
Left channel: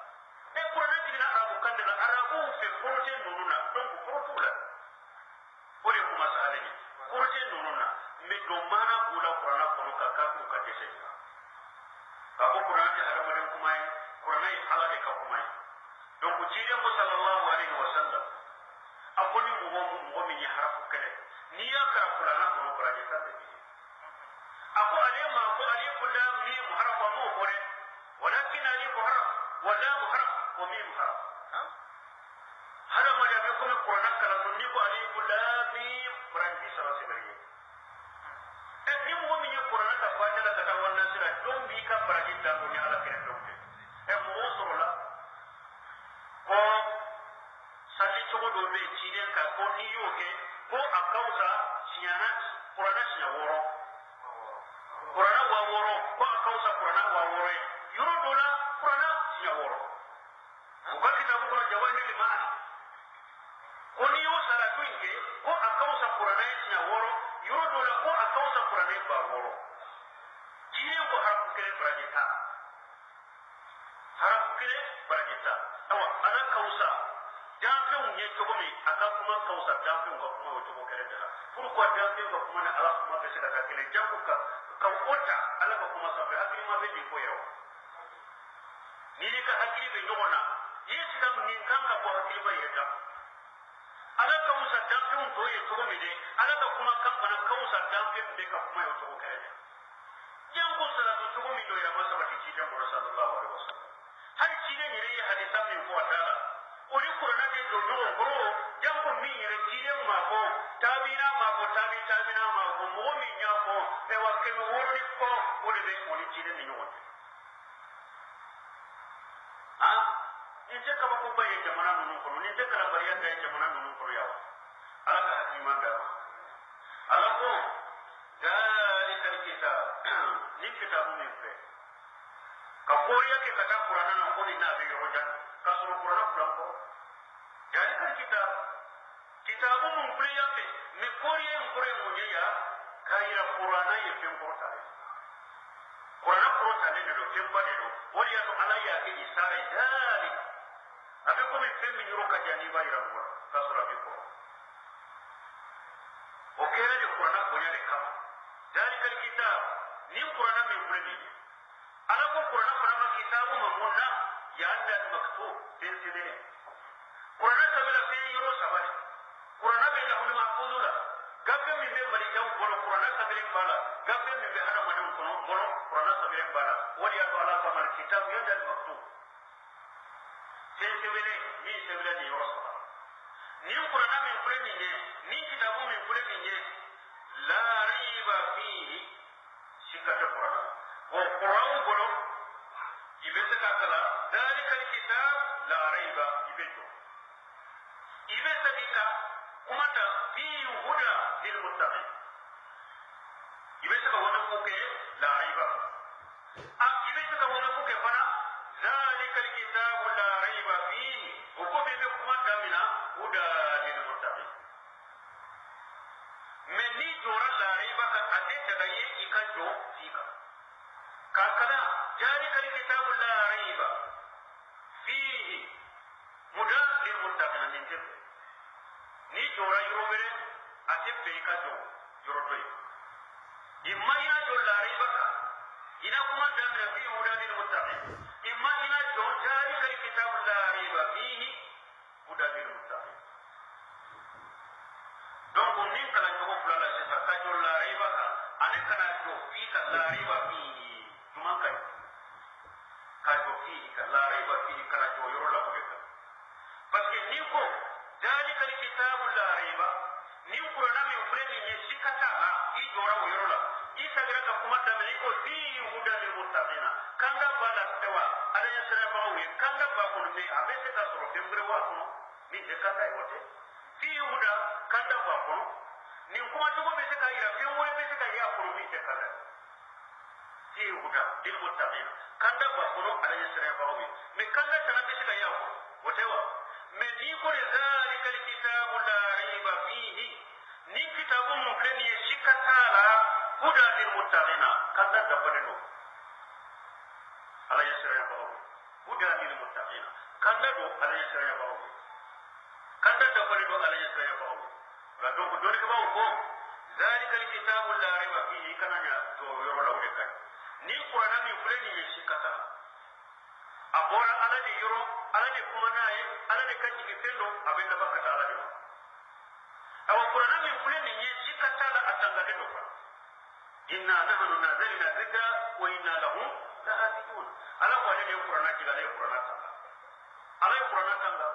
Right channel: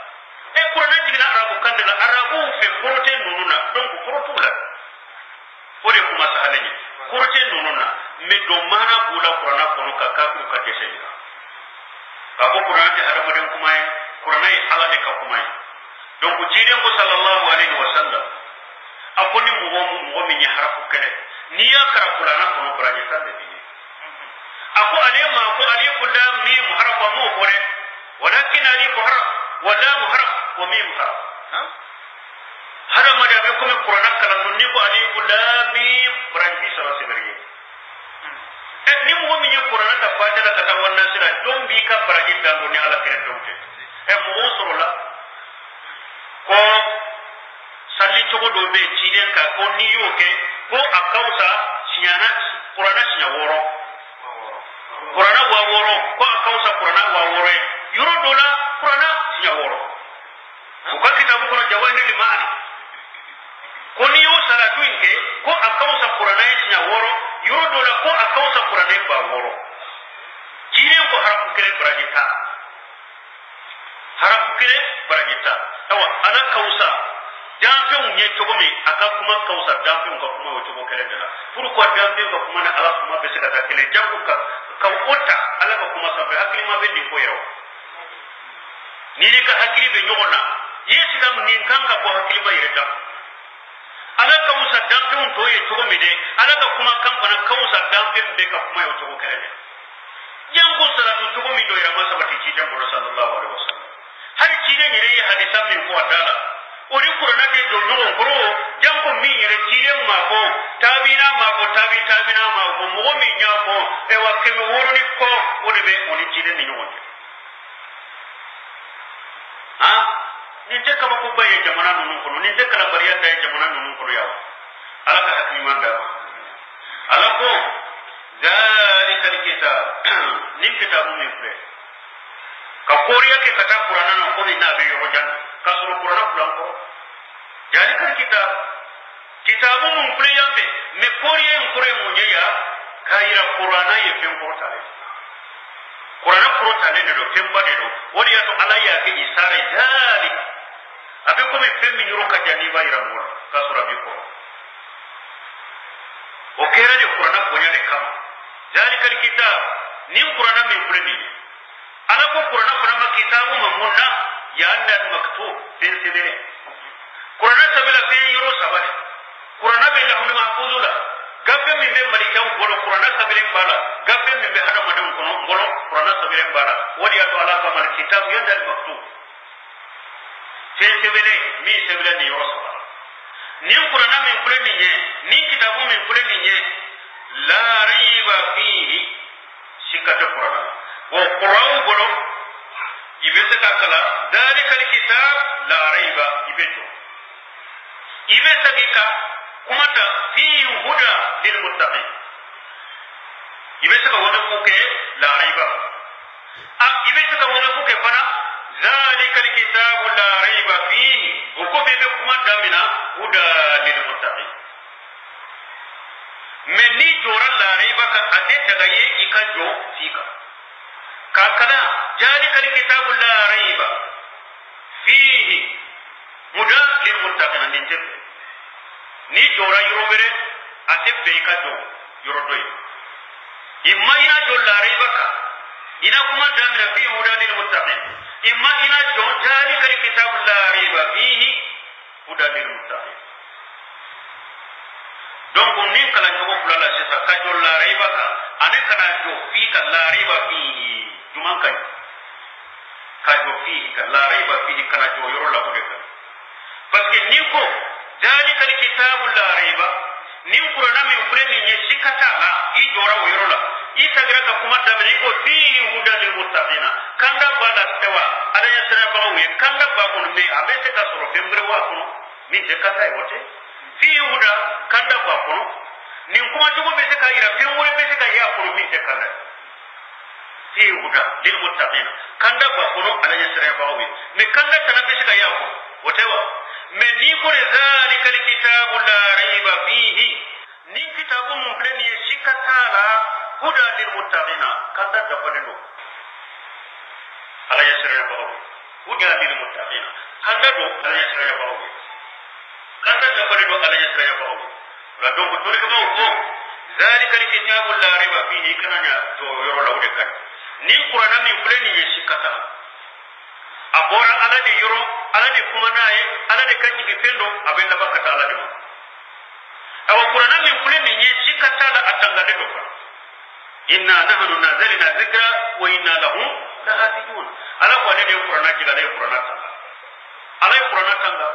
e qur'ana jigara arabu kandela arabu fe qur'ate nununa donc qur'atula ore kuma sahalani qur'ate nununa me do mana bula qur'ana kono ka ka ku ka tesenya ka ko qur'ana te hada madan kuma qur'ana ala de ka kuma donc jiden ko sallallahu alaihi wasallam akoni mo mi harafu kene ni ya kara qur'ana kono qur'ani sande bi ako alima ko alifu lam mim harfa mu kore walakin alifu harf wa lam harf wa mim harf hada ma da be ko qur'ana kala ni ko alifu lam mim qur'ani sara sibari ni mo mi qur'ana ta fata da ta wannan sira don bi ka baraji da ni ala kire tawte mo usro la ko salli to do be ciden ka ko ni yoke ko akausa sinyana qur'ana sinya woro qur'ana wa woro ko akausa qur'ana wa woro yuro dola qur'ana sinya woro ko kitabu ko jawahir al-ma'ani ko ni yo salatu inke ko akausa qur'ana sinya woro yuro dola ko akausa qur'ana ba woro ciden ko harafu kire brajita harafu kire brajita awa ana kausa jamfin nye togo mi aka kuma kausa jamfin ko kuma wato ko kare dala pourquoi jamfin ko kuma na ala kuma be sika ta kele jambu ka ota ala ko kuma sa be hakili ma be di ko yawo ni ka hakili be nyogona yesi kam ni kanga ko hakili ba yeta ala kausa jamfin to ye togo mi de ala ka kuma kan bana kausa jamfin be ka kuma wato ko kare jango salatu togo mi do ya masa bati ci jambo sallallahu alaihi wasallam har ci de ni re hadisa mi ko adala ori qur'ana ke do no ngoro jango mi yere tire ma ko tabina ma ko mo mi nya ko e wa ke mo woro ni ko ori be oni tire ni nyonde ha ni te ka ko baye jamana no ko ni te kala bariya tay jamana no ko yawa ala ka hakni manda ala ko zalika alkitab ni kitabu mi pre ka koriya ke kata qur'ana no ko ni na be yo janna kasuru qur'ana pulang ko jadi kan kitabu mumple yambe me koriye nkure munyeya kaira qur'ana ye pemportale qur'ana portale do temba do wori ya to alaya ke isare jali abe ko me pemmi nyuro ka jani ba ira mo kasura bi ko o kera de qur'ana bonya de kama jadi kan kitab ni qur'ana me kule ni ala ko qur'ana ma kitabu mamunna ya annal maktub bin sibene qur'ana sabila fi yuro sabale qur'ana be lahul mahfuzula gabe mi be malikan bolo qur'ana sabilen bala gabe mi be hada madam kono bolo qur'ana sabilen bala wadi ya to ala kamal kitab ya annal maktub fin sibene mi sabila ni yuro sabala ni qur'ana min kule ni kitabu min kule ni la raiba fihi sikata qur'ana wa qur'an bolo ibese kakala dalika alkitab la raiba ibeto ibesa gika kumata fi huda lil muttaqin ibesa ka wada kuke la raiba ibesa ka wada kuke fana dalika alkitab la raiba fihi uko bebe kumata mina huda lil muttaqin menni jora la raiba ka ate daga ye ikajo fika kakana ذلك الكتاب لا ريب فيه هدى للمتقين ننتبه ni jora yorobere ate beika do yorodoi imma ina do la raiba ka ina kuma damina fi huda lil muttaqin imma ina do ذلك الكتاب لا ريب فيه هدى lil muttaqin donc nin kala jogo fulala sisa ka do la raiba ka ane kana do fi ka la raiba fihi juman kai kajo fihi ka la raiba fihi kana jo yoro la ko de parce que ni ko dalika alkitabu la raiba ni qur'ana mi premi ni sikata la i jora yoro la i tagira ka kuma da ni ko fihi hudan lil muttaqina kanda bala tewa ada ya sera ba we kanda ba ko me abete ka soro fembre wa ko ni je kata e wote fihi huda kanda ba ko ni kuma jogo be se ka ira fembre be se ka ya ko mi je kanda fi huda lil muttaqin kanda ba kono ala yasra bawi me kanda tanabe shiga yako wotewa me ni ko zalikal kitabu la raiba fihi ni kitabu mun fulani shikatala huda lil muttaqina kanda dabbalino ala yasra bawo huda lil muttaqina kanda do ala yasra bawo kanda dabbalino ala yasra bawo la do ko dole ko ko zalika alkitabu la riba fihi kananya to yoro lawde kan ni qur'ana min fulani shikata abora ala de yoro ala de kuma naye ala de kanji fendo abenda bakata ala de awa qur'ana min fulani shikata la atanga de ko inna nahnu nazalna dhikra wa inna lahu lahafidun ala ko ne qur'ana jiga de qur'ana tanga ala qur'ana tanga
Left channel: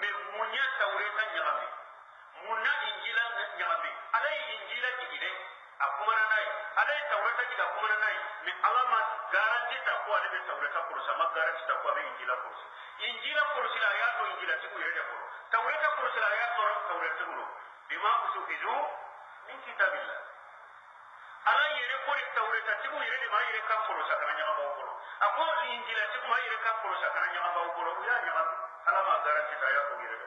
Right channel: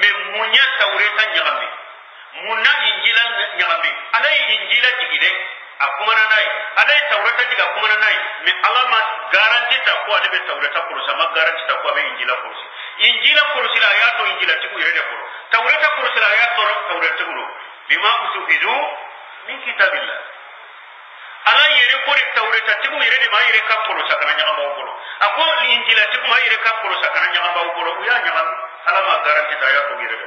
me munya tawreta nyagambi munna injila nyagambi ala injila jigide akumana nai ala tawreta jiga akumana nai me alama garanti ta ko ade be tawreta ko sama garanti ta ko be injila ko la ayato injila tiku irede ko tawreta ko la ayato tawreta ko bima usufidu min kitabillah ala yere ko tawreta tiku irede ma yere ka ko sakana nyamba ko ako injila tiku ma yere ka ko sakana nyamba ko ya nyamba alama garanti ta ayato irede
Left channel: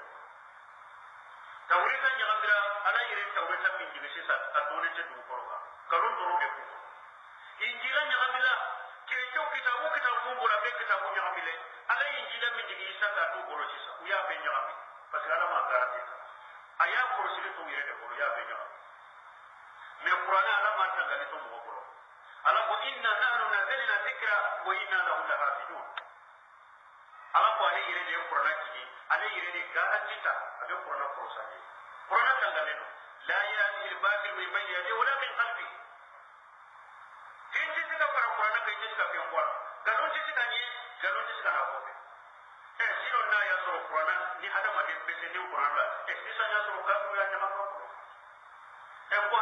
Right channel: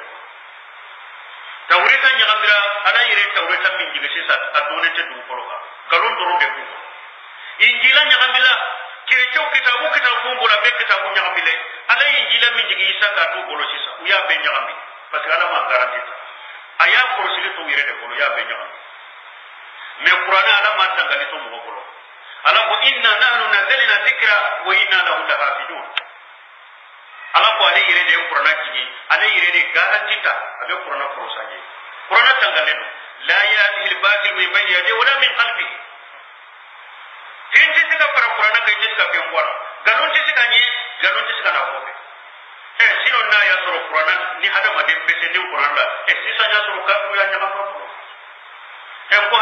tawreta nyambira ala yere tawreta min jige sisa adone te du ko kalon doro de ko injila nyambila kirecho kitabu ngora be kitabu nyambile ala injila min jige isa ka du bolo sisa uya be nyambi parce que alama garanti ta aya ko sile to yere de ko ya be nyambi me qur'ana alama tangali to mo bolo ala ko inna nahnu nazalna dhikra wa inna lahu lahafidun ala ko ale yere de qur'ana jige ale yere de garanti ta abe qur'ana ko sanye qur'ana tangaleno la yatihi al-batil min bayni yadihi wala min khalfihi tinti sika para qur'ana kay tiska pe ngora galon ti sika na ko sino na ya soro qur'ana ni hada ma dem pese ni qur'ana sisa nya soro ka ku ya nya ko ko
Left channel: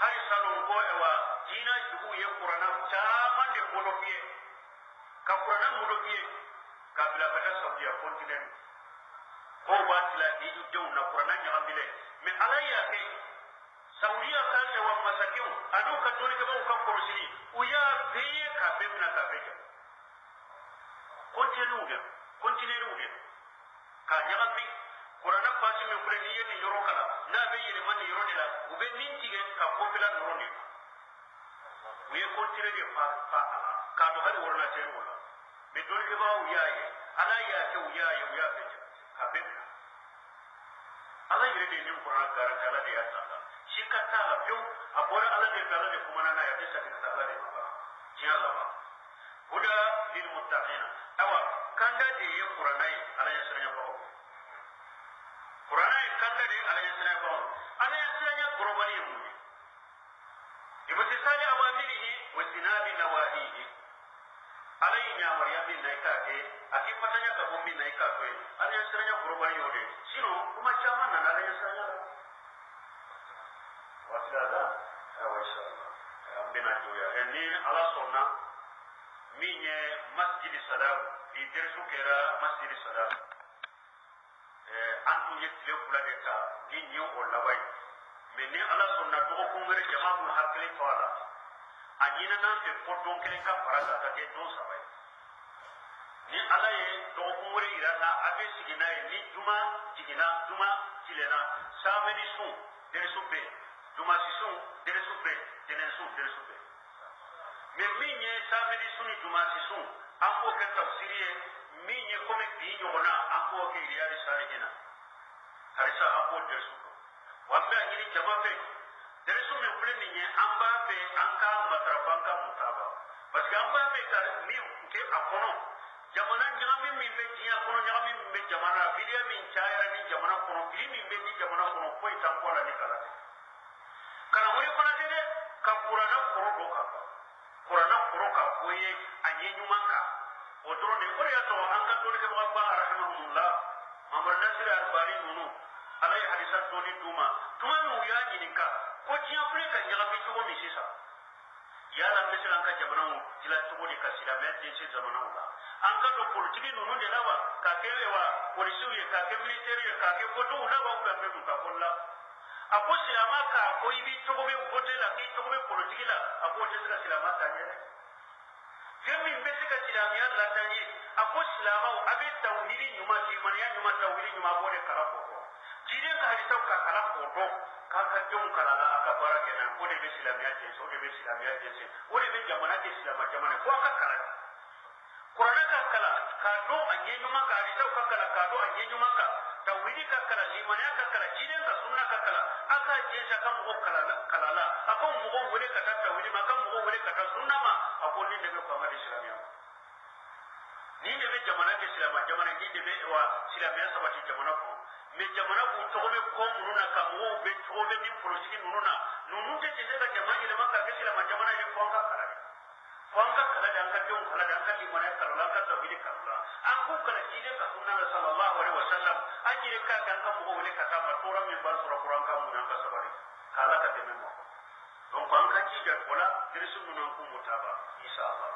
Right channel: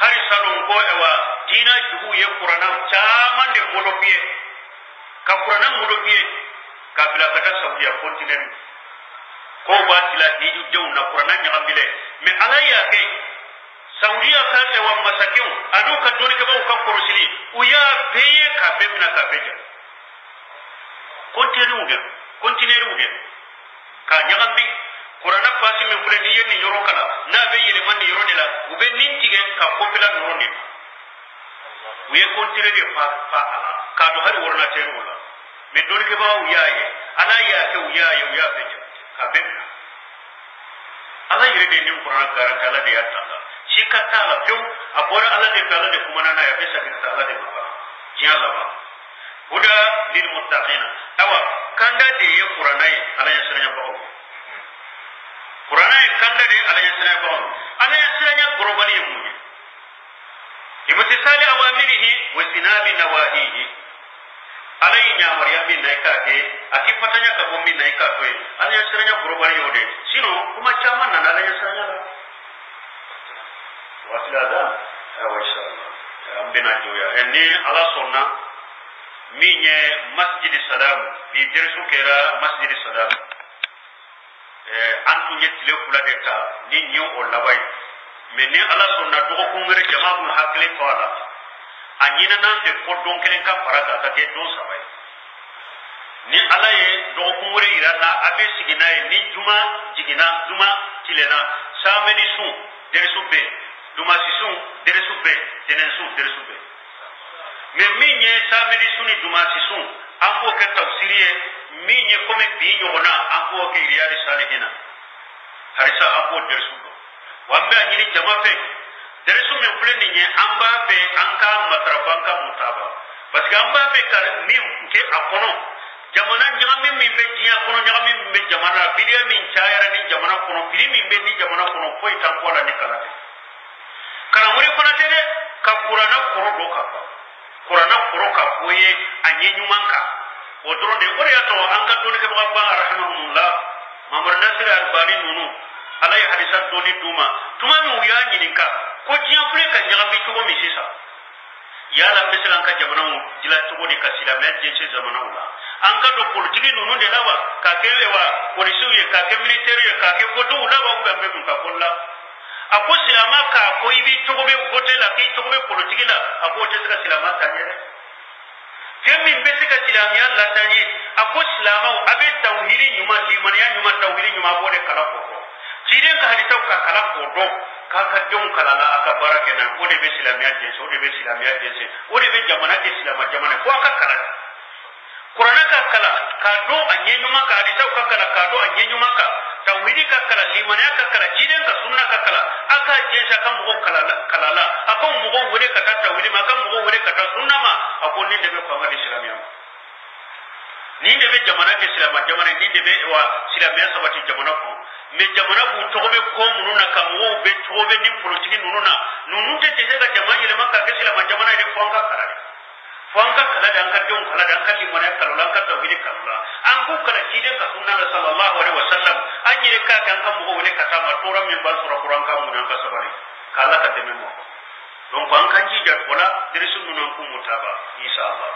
hari salo ko ewa dina jugu ye qur'ana chaman de molopie ka qur'ana molopie ka bila kata saudiya kontinent ko ba tila hiju dew na qur'ana nya ambile me alaya ke saudiya ka ewa masakiu anu ka doni ke ba ka korosili uya peye ka bemna ka beja kontineru ka nya ambi qur'ana pasi me fule ni yeni yoro kala na be yele man yoro de la ube nintige ka kopila noro ni uye kontire de fa ala ka do hari worna teru la me doni ke ba uyaye ala ya ke uyaye uya beja ka bemna ala yire de ni qur'ana garanta ala de yatta shikata la piu abora ala de kala de kumana na ya pesa de ala de ba jalla ba huda lil muttaqina awa kanda de ye qur'ana ala yasranya ba qur'ana kanda de ala yasranya ba ala yasranya globali mu imtisali awamirihi wa sinabi nawahihi alai nya maryam bin naikake akipatanya ka bombi naikake ala yasranya globali yode sino kuma chama na ala yasranya wasilada wa inshallah ambena joya enni ala sonna minye masjid salam bi dersu kera masjid salam antu nyetile kula deta ni nyu o labai meni ala sonna dogo kungere jamaatu hakle toala anyina nan de kodon kelen ka paraga ka ke don sabai ni ala ye dogo kungere irana abe sigina ni juma jigina juma tilena samedi su dersu be duma sisun deresu be tenensu deresu be me minye samedi suni duma sisun ambo ke tafsiriye minye kome binyo ona ambo ke riyadi salihina harisa ambo deresu do wambe anyini jamafe deresu me fuleni nye amba be anka matrabanka mutaba parce que amba be ka mi ke akono jamana nyami mi be dia kono nyami mi be jamana bidia min chayara ni jamana kono bili mi be ni jamana kono foi tambola ni kala kana muri kuna tede ka qur'ana koro do ka qur'ana koro ka koye anyenyu manka odro de ore ato anga doni ke ba rahmanullah mamar nasir albani nunu alai hadisat doni tuma mi uya nyininka ko jiya fure ka nyagambi to mi sisa yala misalan ka jamana mu jila to ni kasila me je zamana ula anga do politiki nunu de lawa ka kelewa polisi ye ka ke military ye ka ke godo ula ba ugambe ka kolla ako silama ka ko ibi togobe gote la ki togobe politiki la ako tesika silama tanyere kemi mbesika silamiya la tanye ako silama abe tawhiri nyuma limaniya nyuma tawhiri nyuma bode kala ko ciden ka hali taw ka kala ko do ka ka don kala la aka barake na o de be silamiya je so de be silamiya je se o de be jamana islam jamana ko aka kala qur'ana ka kala ka do anye nyuma ka hali taw ka kala ka do anye nyuma ka tawhidi ka kala limani ka kala ciden ka sunna ka kala aka je sa kan mo kala la aka mo go wure ka ta tawhidi ma kan mo go wure ka ta sunna ma akon ni de be ko ngadi silamiya ni de be jamana islam jamana ni de be wa silamiya sabati jamana ko me jamana bu tobe ko mununa kam wo be tobe ni politiki nununa nunun te te ga jamana ile makka ke sila jamana ile fonka kala dan ka don kala dan ka limana kala lan ka tawhid kala an ku kala kiden ka sunna sallallahu alaihi wasallam an yi ka kan kan mu wole ka sama toran min bal sura qur'an ka mun ka sabari kala ka te memo don ko an kan ji jar wala dirisun nunan ku mutaba insha Allah